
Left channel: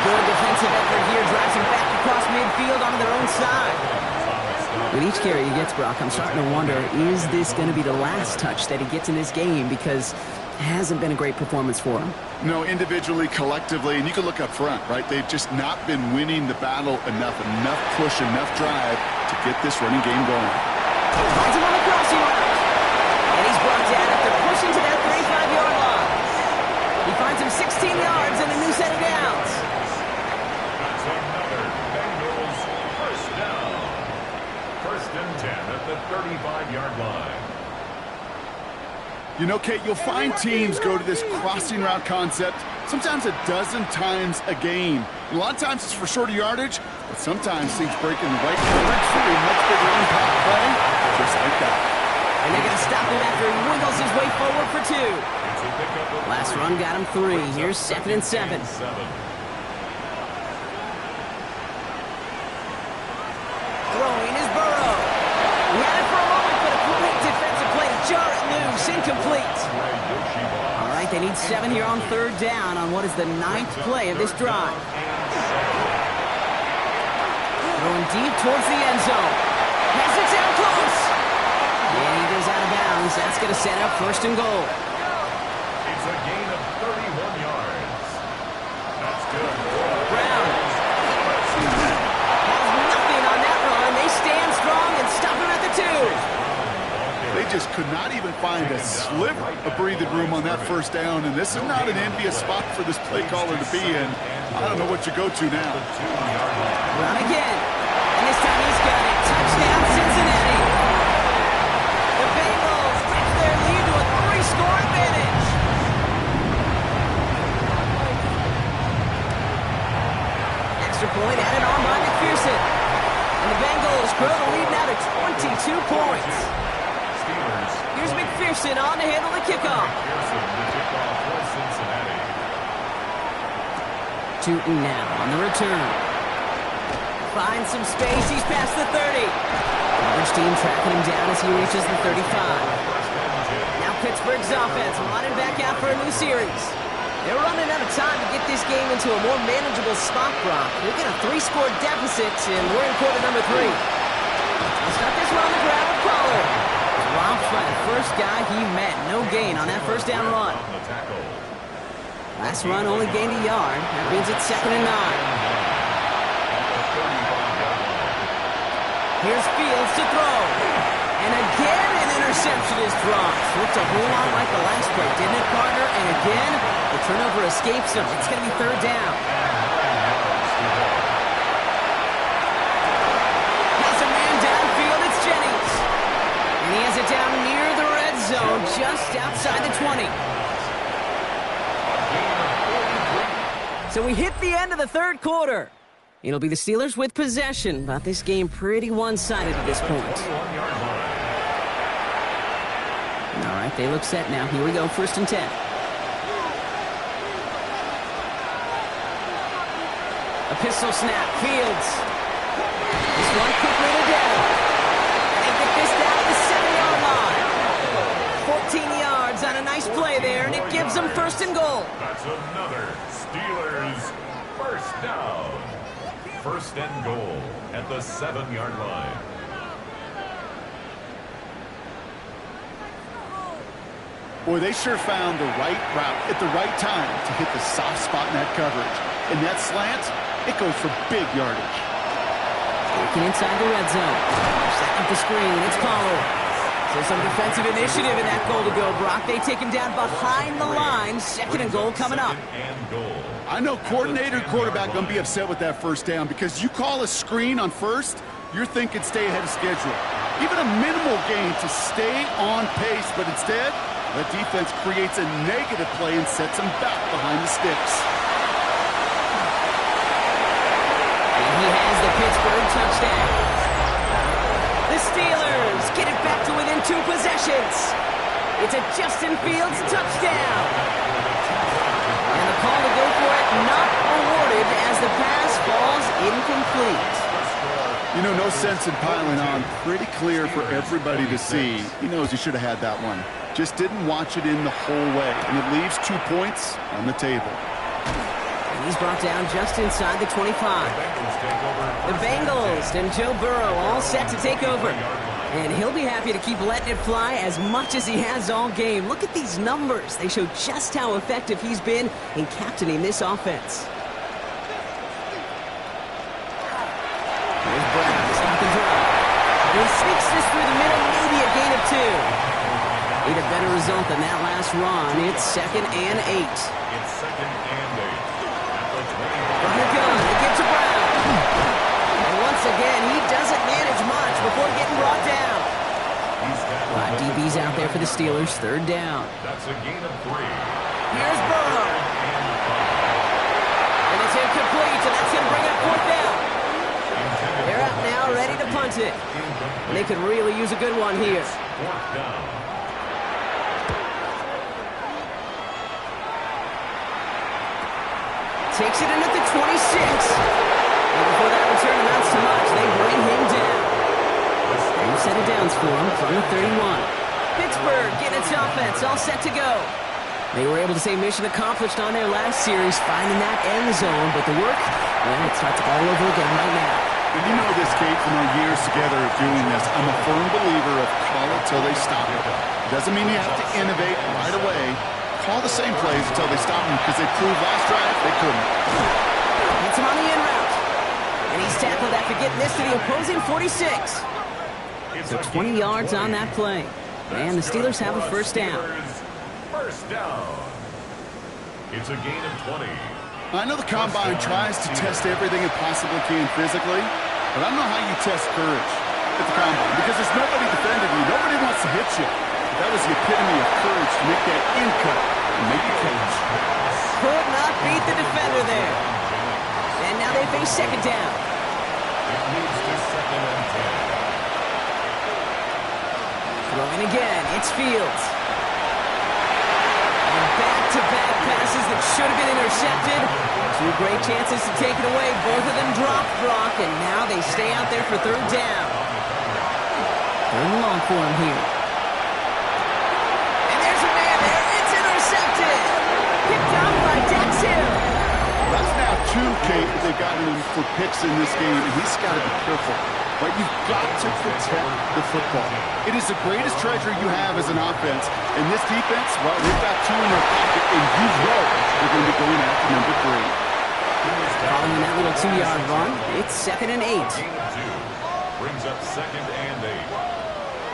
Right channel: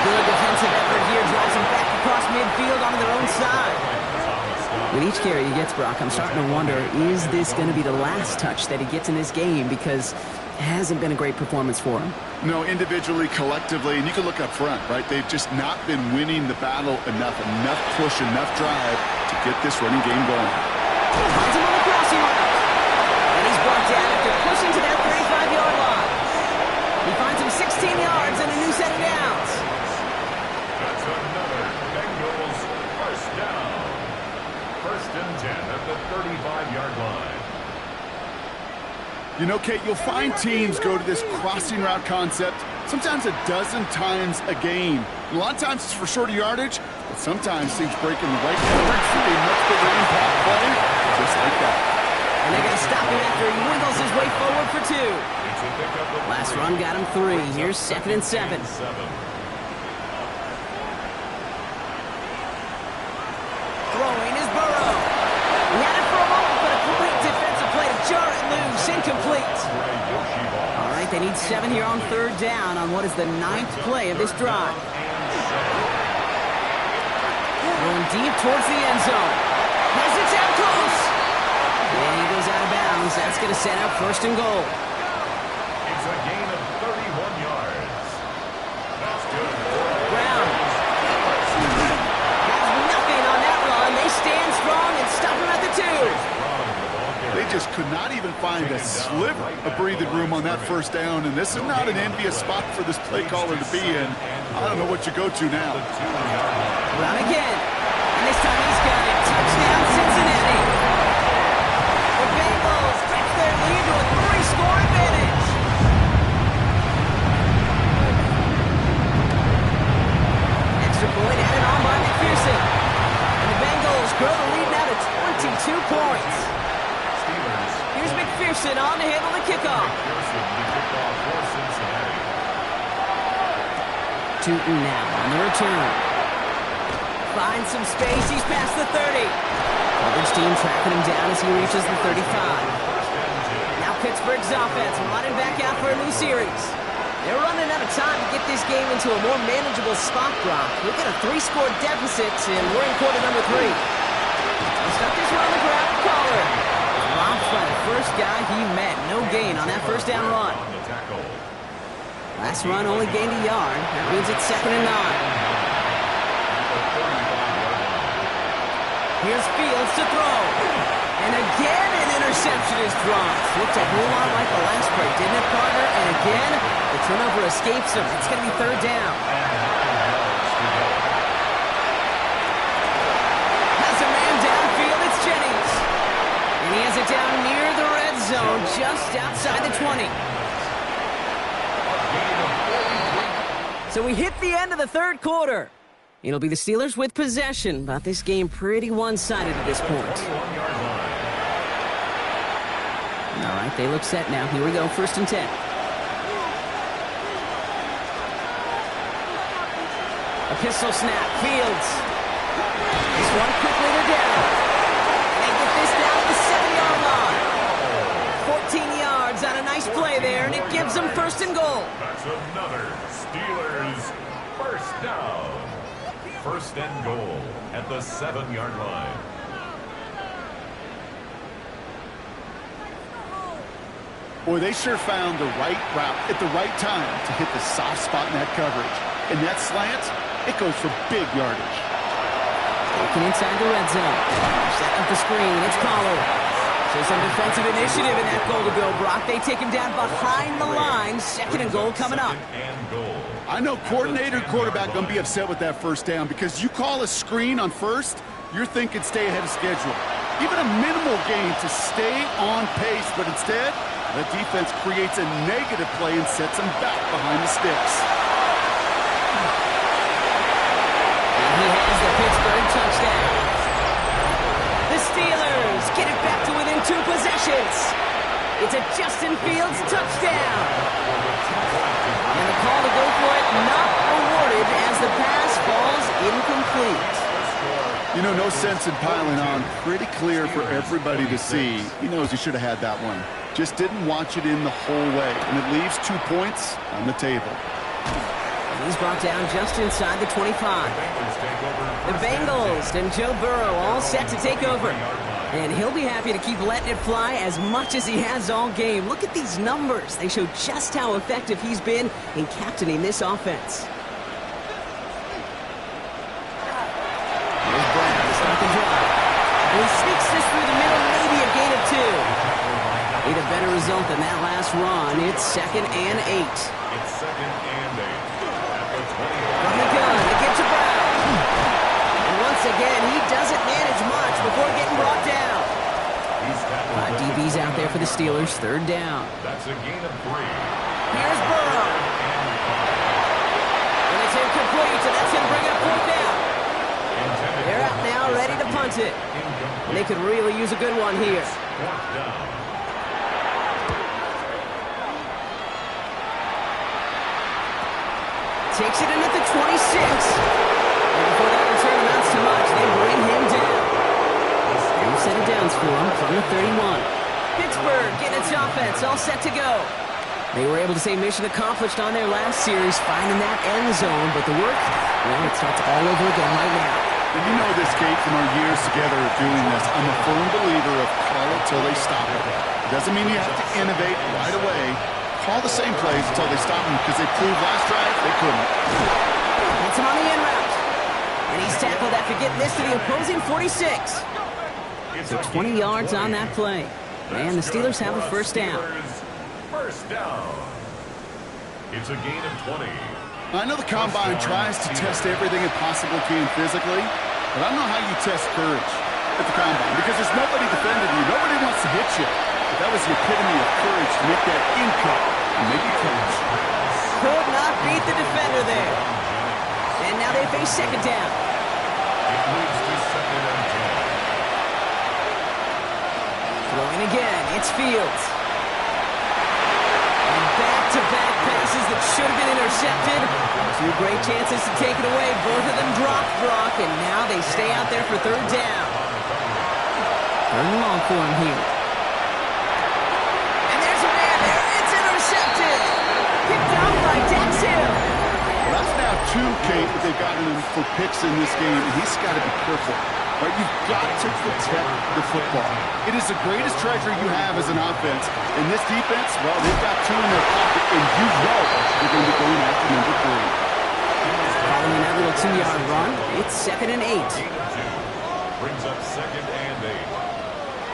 Good defensive effort here, drives him back across midfield onto their own side. With each carry he gets, Brock, I'm starting to wonder, is this going to be the last touch that he gets in this game? Because it hasn't been a great performance for him. No, individually, collectively, and you can look up front, right? They've just not been winning the battle enough push, enough drive to get this running game going. Finds him on the crossing route. And he's brought down after pushing to that 35-yard line. He finds him 16 yards and a new set of downs. That's another Bengals first down. 1st and 10 at the 35-yard line. You know, Kate, you'll find teams go to this crossing route concept sometimes a dozen times a game. A lot of times it's for shorter yardage, but sometimes teams break in the right coverage for a much bigger impact play, just like that. And they're going to stop him after he wiggles his way forward for 2. Last run got him 3. Here's 2nd and 7. Throwing is Burrow. He had it for a moment, but a great defensive play to jar it loose. Incomplete. All right, they need 7 here on 3rd down on what is the 9th play of this drive. Throwing deep towards the end zone. Has it down close. And he goes out of bounds. That's going to set up 1st and goal. It's a gain of 31 yards. That's good. Brown has nothing on that run. They stand strong and stop him at the 2. They just could not even find a sliver of breathing room on that first down, and this is not an envious spot for this play caller to be in. I don't know what you go to now. Run again. And this time he's got it. Touchdown, Cincinnati. The Bengals stretch their lead to a 3-score advantage. Extra point added on by McPherson. And the Bengals grow the lead now to 22 points. Here's McPherson on to handle the kickoff. McPherson, the kickoff for Cincinnati. Tootin now on the return. Finds some space. He's past the 30. Coverage team tracking him down as he reaches the 35. Now Pittsburgh's offense running back out for a new series. They're running out of time to get this game into a more manageable spot, Brock. Look at a 3-score deficit, and we're in quarter number 3. He'll start this one on the ground with Pollard. Romped by the first guy he met. No gain on that first down run. Last run only gained a yard. That means it's 2nd and 9. Here's Fields to throw. And again, an interception is dropped. Looked a whole lot like the last play, didn't it, partner? And again, the turnover escapes him. It's going to be 3rd down. Has a man downfield. It's Jennings. And he has it down near the red zone, just outside the 20. So we hit the end of the 3rd quarter. It'll be the Steelers with possession, but this game pretty one-sided at this point. All right, they look set now. Here we go, 1st and 10. A pistol snap, Fields. This one quickly to down. And they get this down to the 7-yard line. 14 yards on a nice play there, and it gives them 1st and goal. That's another Steelers 1st down. 1st and goal at the 7-yard line. Boy, they sure found the right route at the right time to hit the soft spot in that coverage. And that slant, it goes for big yardage. Working inside the red zone. Setting up the screen. It's Pollard. So some defensive initiative in that goal to go, Brock. They take him down behind the line. 2nd and goal coming up. I know coordinator and quarterback going to be upset with that 1st down because you call a screen on 1st, you're thinking stay ahead of schedule. Even a minimal gain to stay on pace, but instead, the defense creates a negative play and sets them back behind the sticks. And he has the Pittsburgh touchdown. The Steelers get it back to within 2 possessions. It's a Justin Fields touchdown. And the call to go for it not awarded as the pass falls incomplete. You know, no sense in piling on. Pretty clear for everybody to see. He knows he should have had that one. Just didn't watch it in the whole way. And it leaves 2 points on the table. And he's brought down just inside the 25. The Bengals and Joe Burrow all set to take over. And he'll be happy to keep letting it fly as much as he has all game. Look at these numbers. They show just how effective he's been in captaining this offense. Here's Brown to start the drive. And he sneaks this through the middle, maybe a gain of 2. Need a better result than that last run. It's 2nd and 8. It's 2nd and 8. From the gun, they get to Brown. And once again, he doesn't manage much before getting brought down. 5 DBs out there for the Steelers, 3rd down. That's a gain of 3. Here's Burrow. And it's incomplete, and that's going to bring up 4th down. They're out now, ready to punt it. And they could really use a good one here. 4th down. Takes it in at the 26. And before that return amounts to much, they bring him down. New set of downs for him from the 31. Pittsburgh getting its offense all set to go. They were able to say mission accomplished on their last series, finding that end zone. But the work, well, it starts all over again right now. And you know this, Kate, from our years together of doing this. I'm a firm believer of call it till they stop it. It doesn't mean you have to innovate right away. Call the same plays until they stop them because they proved last drive they couldn't. Hits him on the in route. And he's tackled after getting this to the opposing 46. So 20 yards on that play. And the Steelers have a first down. First down. It's a gain of 20. I know the Combine tries to test everything it possibly can physically, but I don't know how you test courage at the Combine because there's nobody defending you. Nobody wants to hit you. But that was the epitome of courage to make that in cut and make the catch. Could not beat the defender there. And now they face second down. It moves to second and 10. Throwing again, it's Fields. And back-to-back passes that should have been intercepted. Two great chances to take it away. Both of them dropped, Brock, and now they stay out there for third down. Third and long for him here. And there's a man there. It's intercepted. Picked up by Dax Hill. Well, that's now two, Kate, that they've gotten him for picks in this game, and he's got to be careful. Right? You've got to protect the football. It is the greatest treasure you have as an offense. And this defense, well, they've got two in their pocket, and you know they're going to be going after number 3. Following that little 2-yard run, it's second and 8. Gain of 2. Brings up second and 8.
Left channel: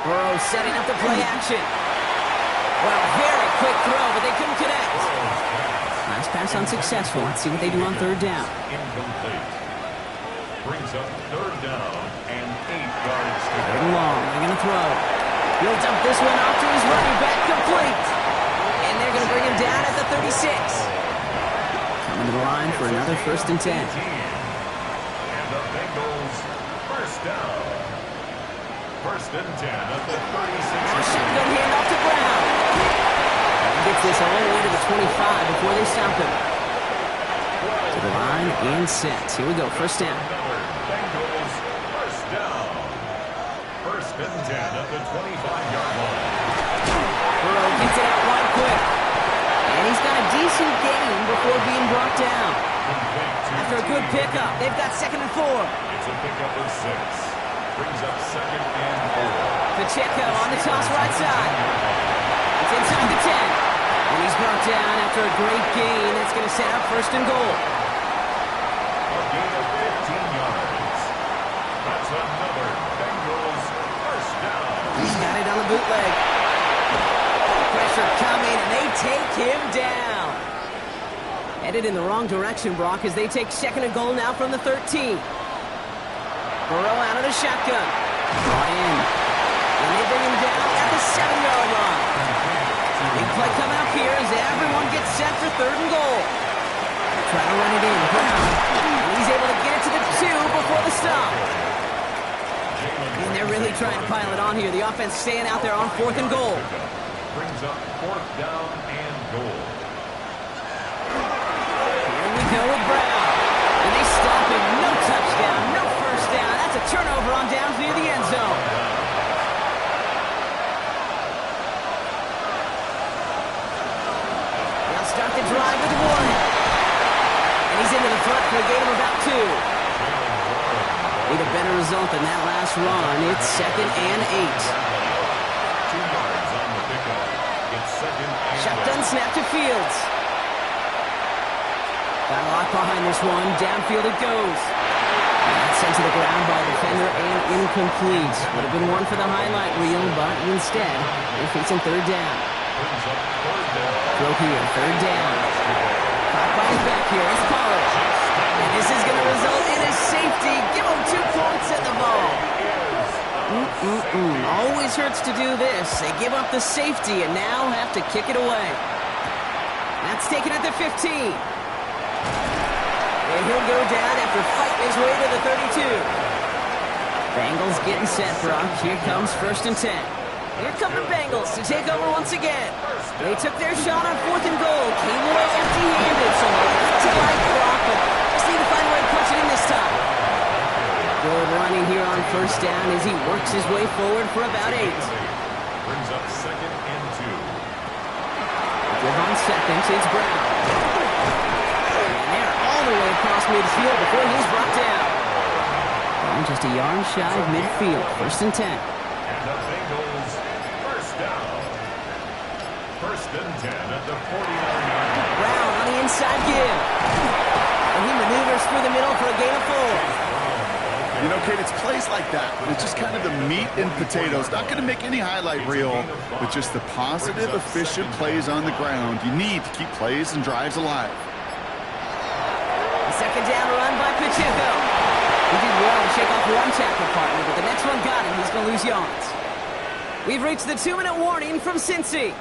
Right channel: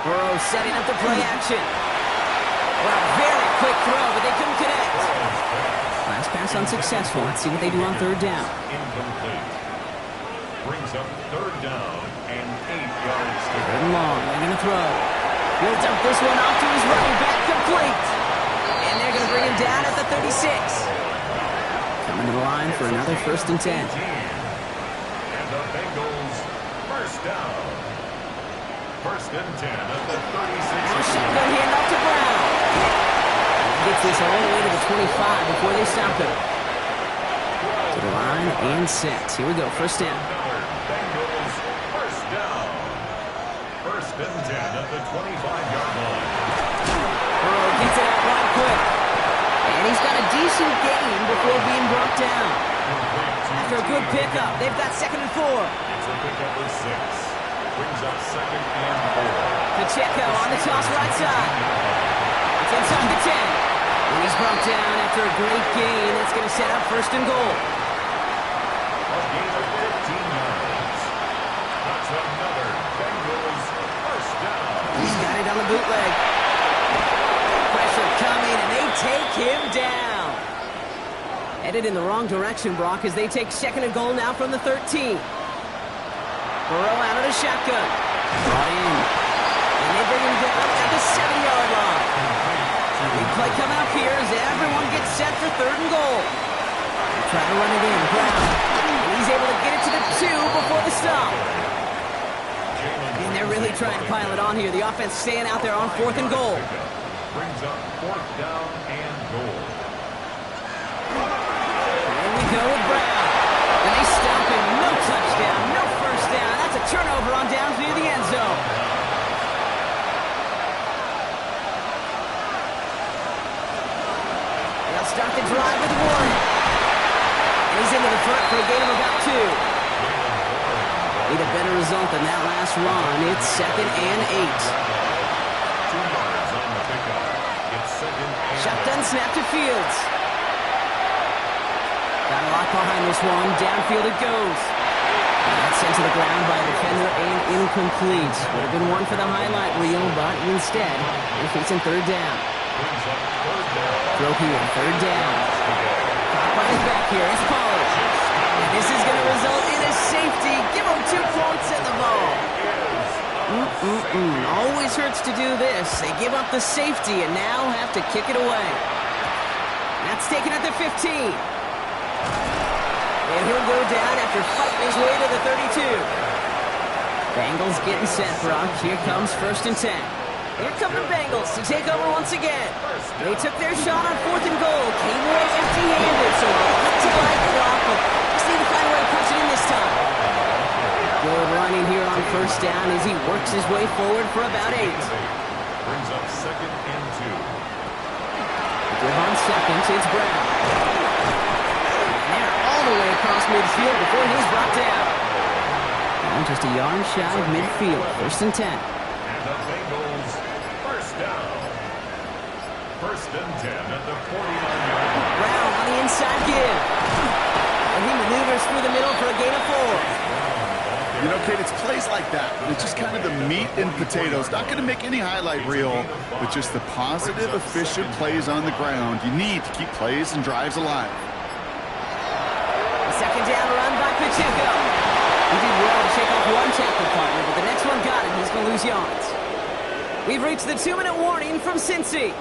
Burrow setting up the play action. Wow, very quick throw, but they couldn't connect. Last pass unsuccessful. Let's see what they do on third down. Incomplete. Brings up third down and 8 yards to Third go. and long. They're going to throw. He'll dump this one off to his running back, complete. And they're going to bring him down at the 36. Coming to the line for another first and 10. And the Bengals first down. First and 10 at the 36. Now shotgun handoff to Brown. He gets this all the way to the 25 before they stop him. To the line and set. Here we go, first down. Another Bengals first down. First and 10 at the 25-yard line. Burrow gets it out wide quick. And he's got a decent gain before being brought down. After a good pickup, they've got second and 4. It's a pickup of 6. Brings up second and 4. Pacheco on the toss right side. It's inside the 10. When he's brought down after a great gain, that's going to set up first and goal. A gain of 15 yards. That's another Bengals first down. He's got it on the bootleg. Pressure coming, and they take him down. Headed in the wrong direction, Brock, as they take second and goal now from the 13. Burrow out of the shotgun. Brought in. And they bring him down at the 7-yard line. Big play coming up here as everyone gets set for third and goal. Try to run it in. Brown. And he's able to get it to the 2 before the stop. And they're really trying to pile it on here. The offense staying out there on fourth and goal. Brings up fourth down and goal. Here we go with Brown. And they stop him. No touchdown. No first down. That's a turnover on downs near the end zone. They'll start the drive with Warren. And he's into the front for a gain of about 2. Need a better result than that last run. It's second and 8. 2 yards on the pickup. It's second and Shotgun snap to Fields. Got a lot behind this one. Downfield it goes. And that's sent to the ground by a defender and incomplete. Would have been one for the highlight reel, but instead, they're facing third down. brings up third down. Throw here, third down. Caught by his back here. It's Pollard. And this is going to result in a safety. Give him 2 points at the ball. Always hurts to do this. They give up the safety and now have to kick it away. That's taken at the 15. And he'll go down after fighting his way to the 32. Bengals getting set, Brock. Here comes first and 10. Here come the Bengals to take over once again. They took their shot on 4th and goal. Came away empty-handed, so a lot to like, Brock, but just need to find a way to punch it in this time. Good running here on first down as he works his way forward for about 8. Brings up second and 2. Give on second, it's Brown. And they're all the way across midfield before he's brought down. Well, just a yard shy of midfield. First and 10. And the Bengals first down. First and 10 at the 49-yard line. Brown on the inside give. And he maneuvers through the middle for a gain of 4. You know, Kate, it's plays like that. It's just kind of the meat and potatoes. Not going to make any highlight reel, but just the positive, efficient plays on the ground. You need to keep plays and drives alive. The second down run by Pacheco. He did well to shake off one tackle partner, but the next one got him. He's going to lose yards. We've reached the 2-minute warning from Cincy.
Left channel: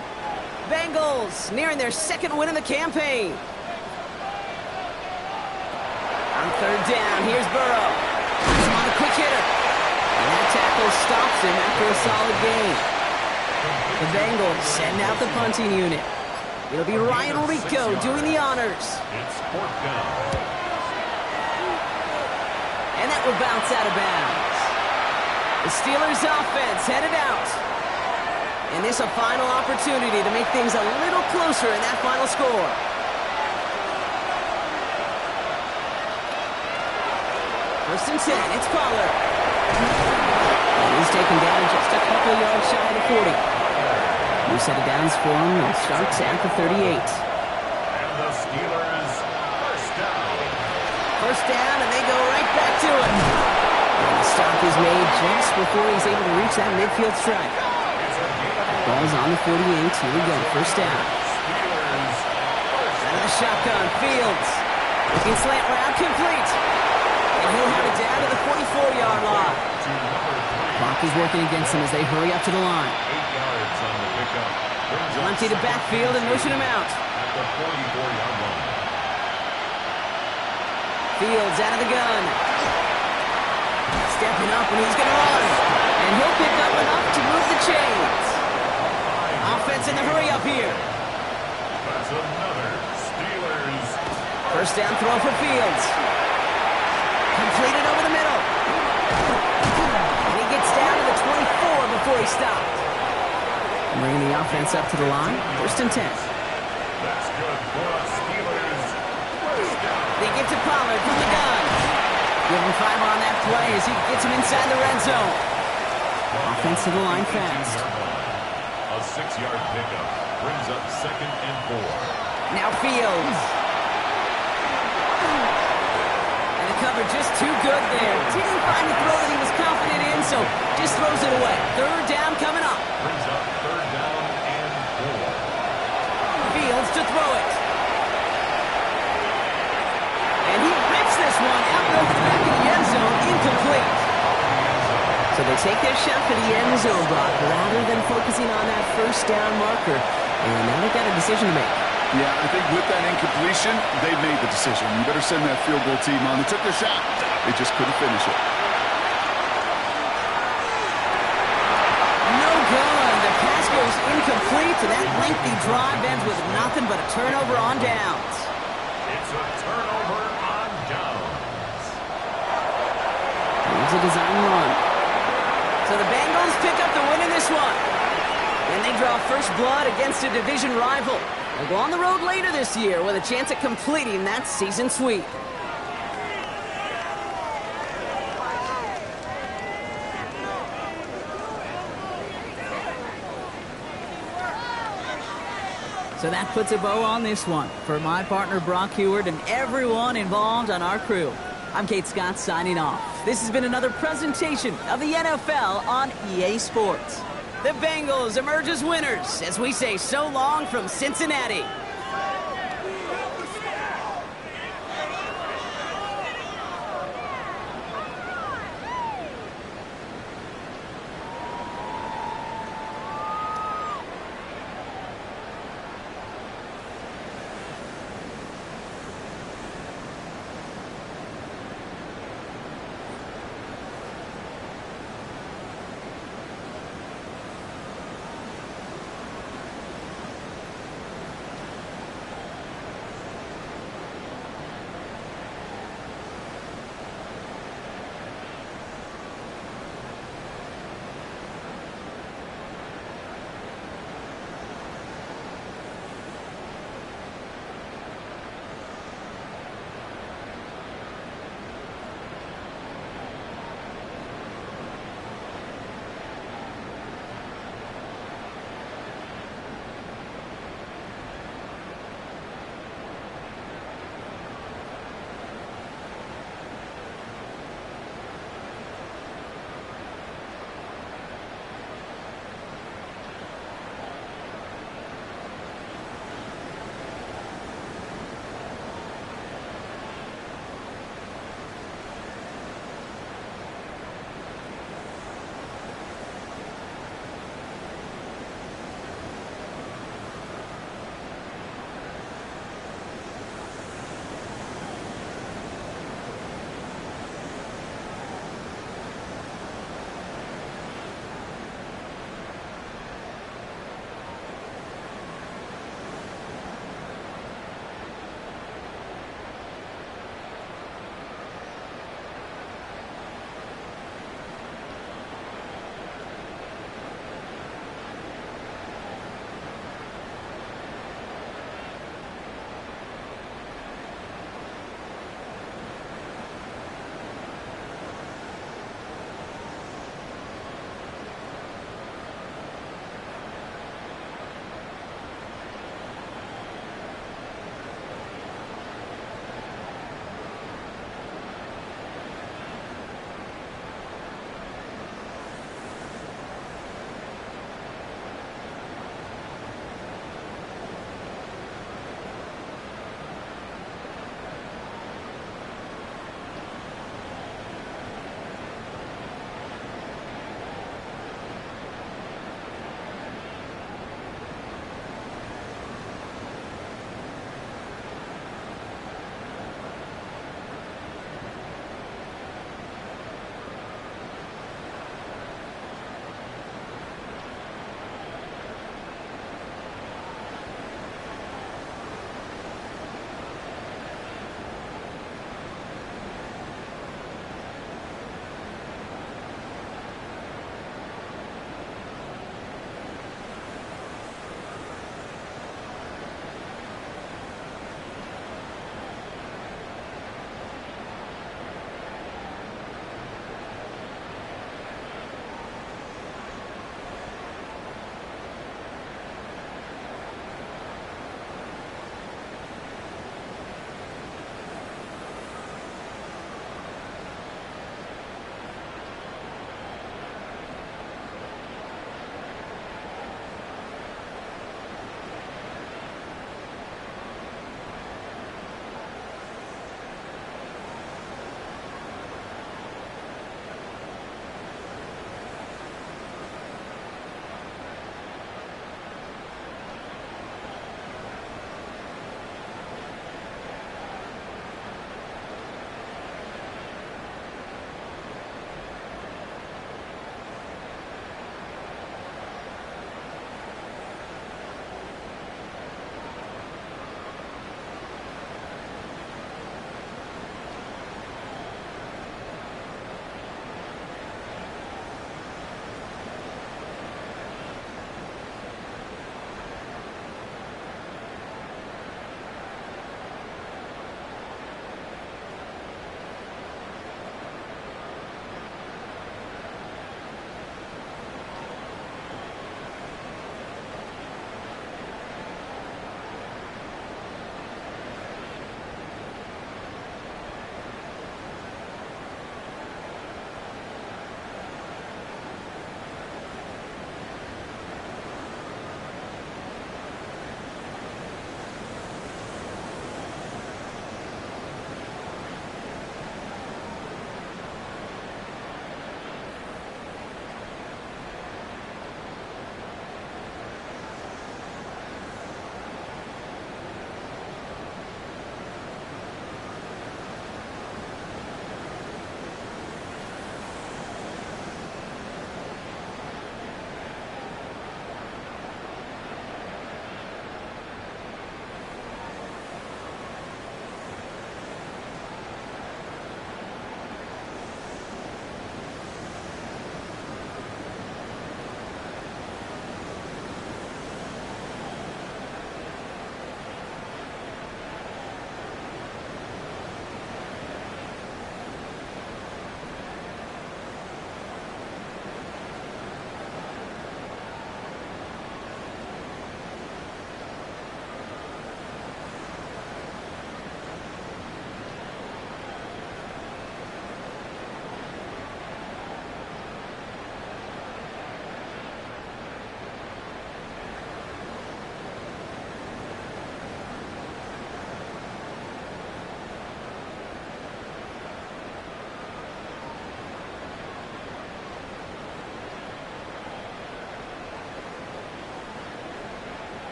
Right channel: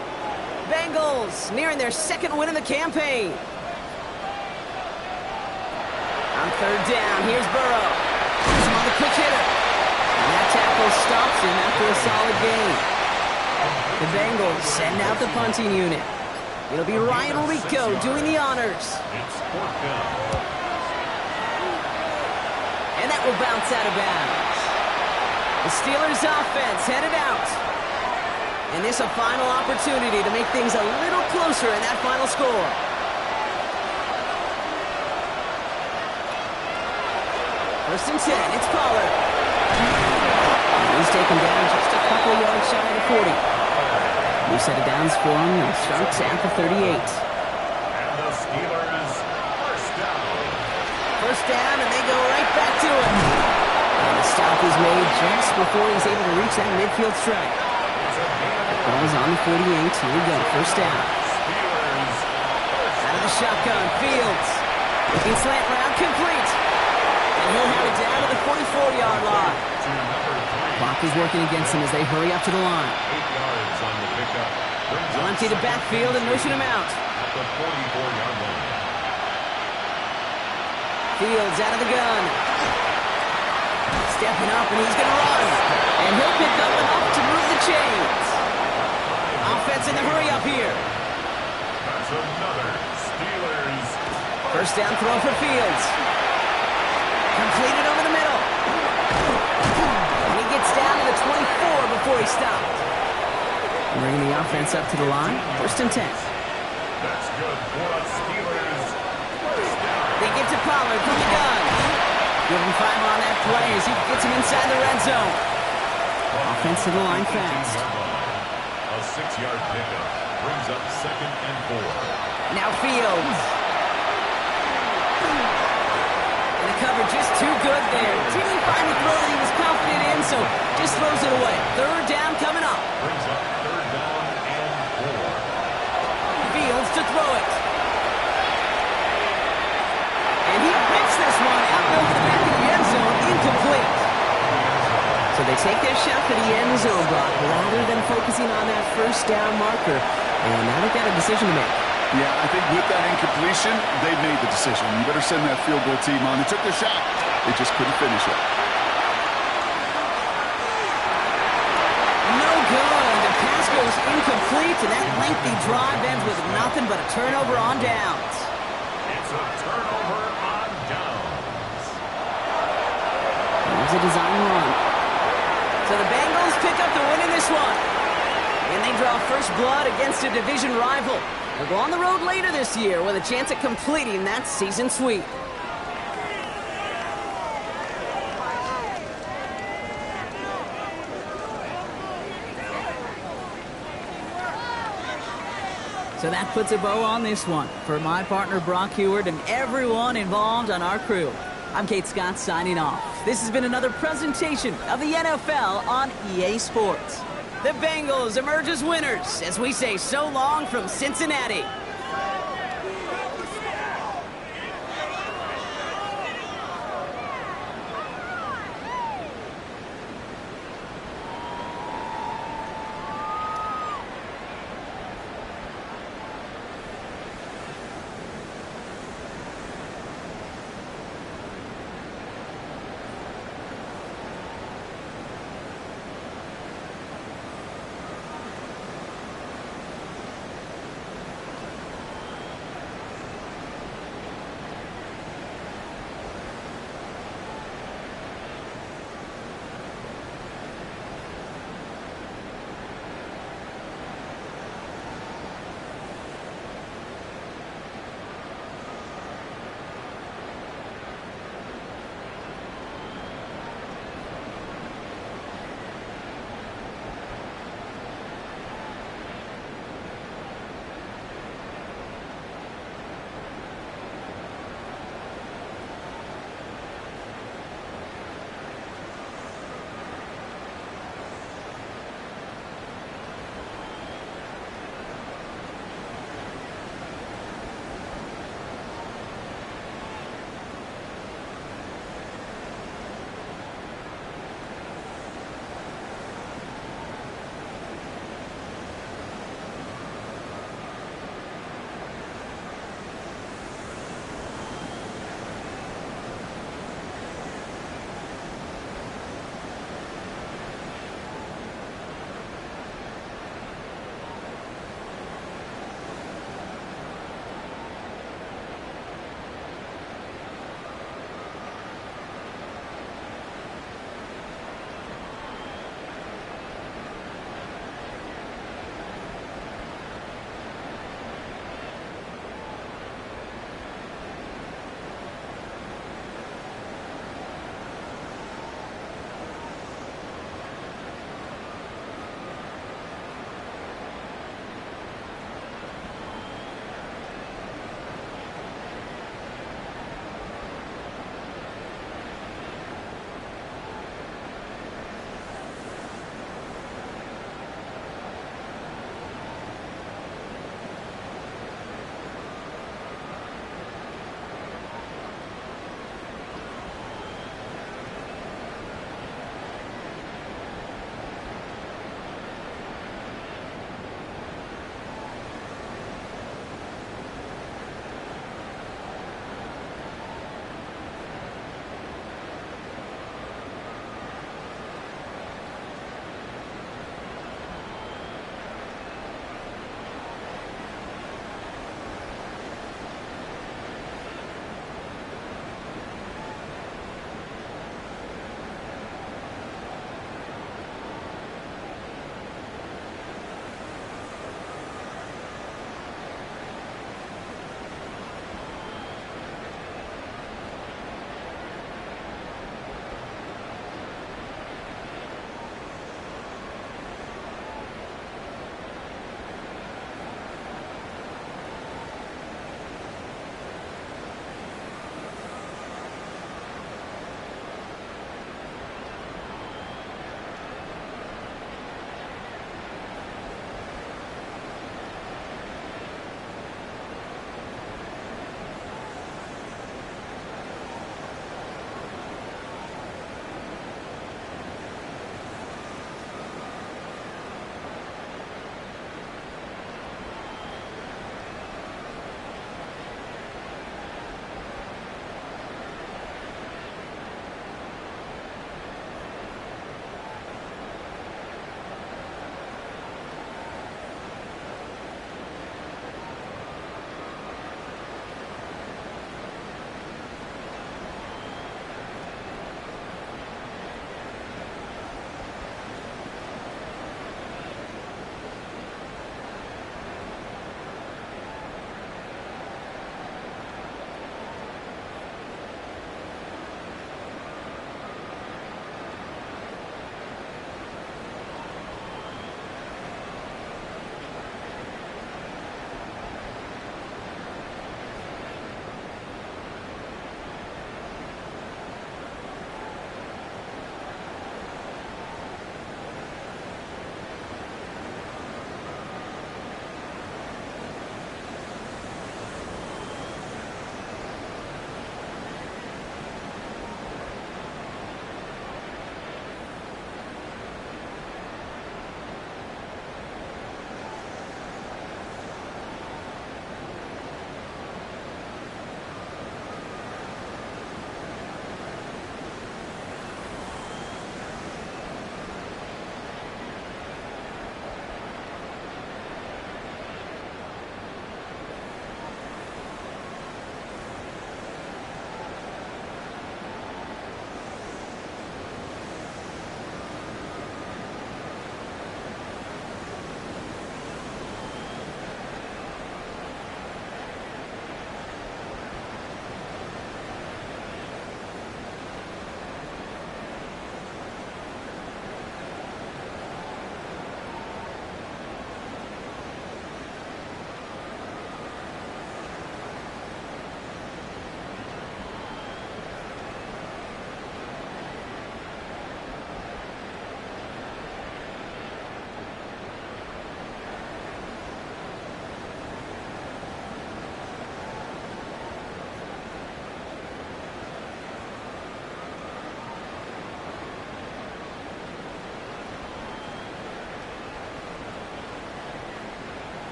Bengals nearing their second win in the campaign. On third down, here's Burrow. He's on the quick hitter. And that tackle stops him after a solid gain. The Bengals send out the punting unit. It'll be Ryan Rico doing the honors. It's fourth down. And that will bounce out of bounds. The Steelers offense headed out. And this a final opportunity to make things a little closer in that final score. First and 10, it's Pollard. And he's taken down just a couple yards shy of the 40. New set of downs for him. They'll start at the 38. And the Steelers first down. First down, and they go right back to it. And the stop is made just before he's able to reach that midfield strike. Ball's on the 48. Here we go. First down. Steelers first Out of the shotgun. Fields. Looking slant route. Complete. And he'll have it down to the 44-yard line. to number 3. Clock is working against him as they hurry up to the line. 8 yards on the pickup. Brings They'll up empty the second backfield and motion him out. at the 44-yard line. Fields out of the gun. Stepping up, and he's going to run. And he'll pick up enough to move the chains. Offense in the hurry up here. That's another Steelers. First down throw for Fields. Completed over the middle. And he gets down to the 24 before he stopped. Bringing the offense up to the line. First and 10. That's good for a Steelers. First down. They get to Pollard from the gun. Give him 5 on that play as he gets him inside the red zone. Offense to the line fast. A 6-yard pickup brings up second and 4. Now Fields. And the cover just too good there. Didn't find the throw that he was confident in, so just throws it away. Third down coming up. Brings up third down and 4. Fields to throw it. And he rips this one out over the back of the end zone. Incomplete. So they take their shot for the end zone block rather than focusing on that first down marker. And now they've got a decision to make. Yeah, I think with that incompletion, they've made the decision. You better send that field goal team on. They took their shot. They just couldn't finish it. No good. The pass goes incomplete, and that lengthy drive ends with nothing but a turnover on downs. It's a turnover on downs. Here's a design run. So the Bengals pick up the win in this one. And they draw first blood against a division rival. They'll go on the road later this year with a chance at completing that season sweep. So that puts a bow on this one. For my partner Brock Heward and everyone involved on our crew, I'm Kate Scott signing off. This has been another presentation of the NFL on EA Sports. The Bengals emerge as winners as we say so long from Cincinnati.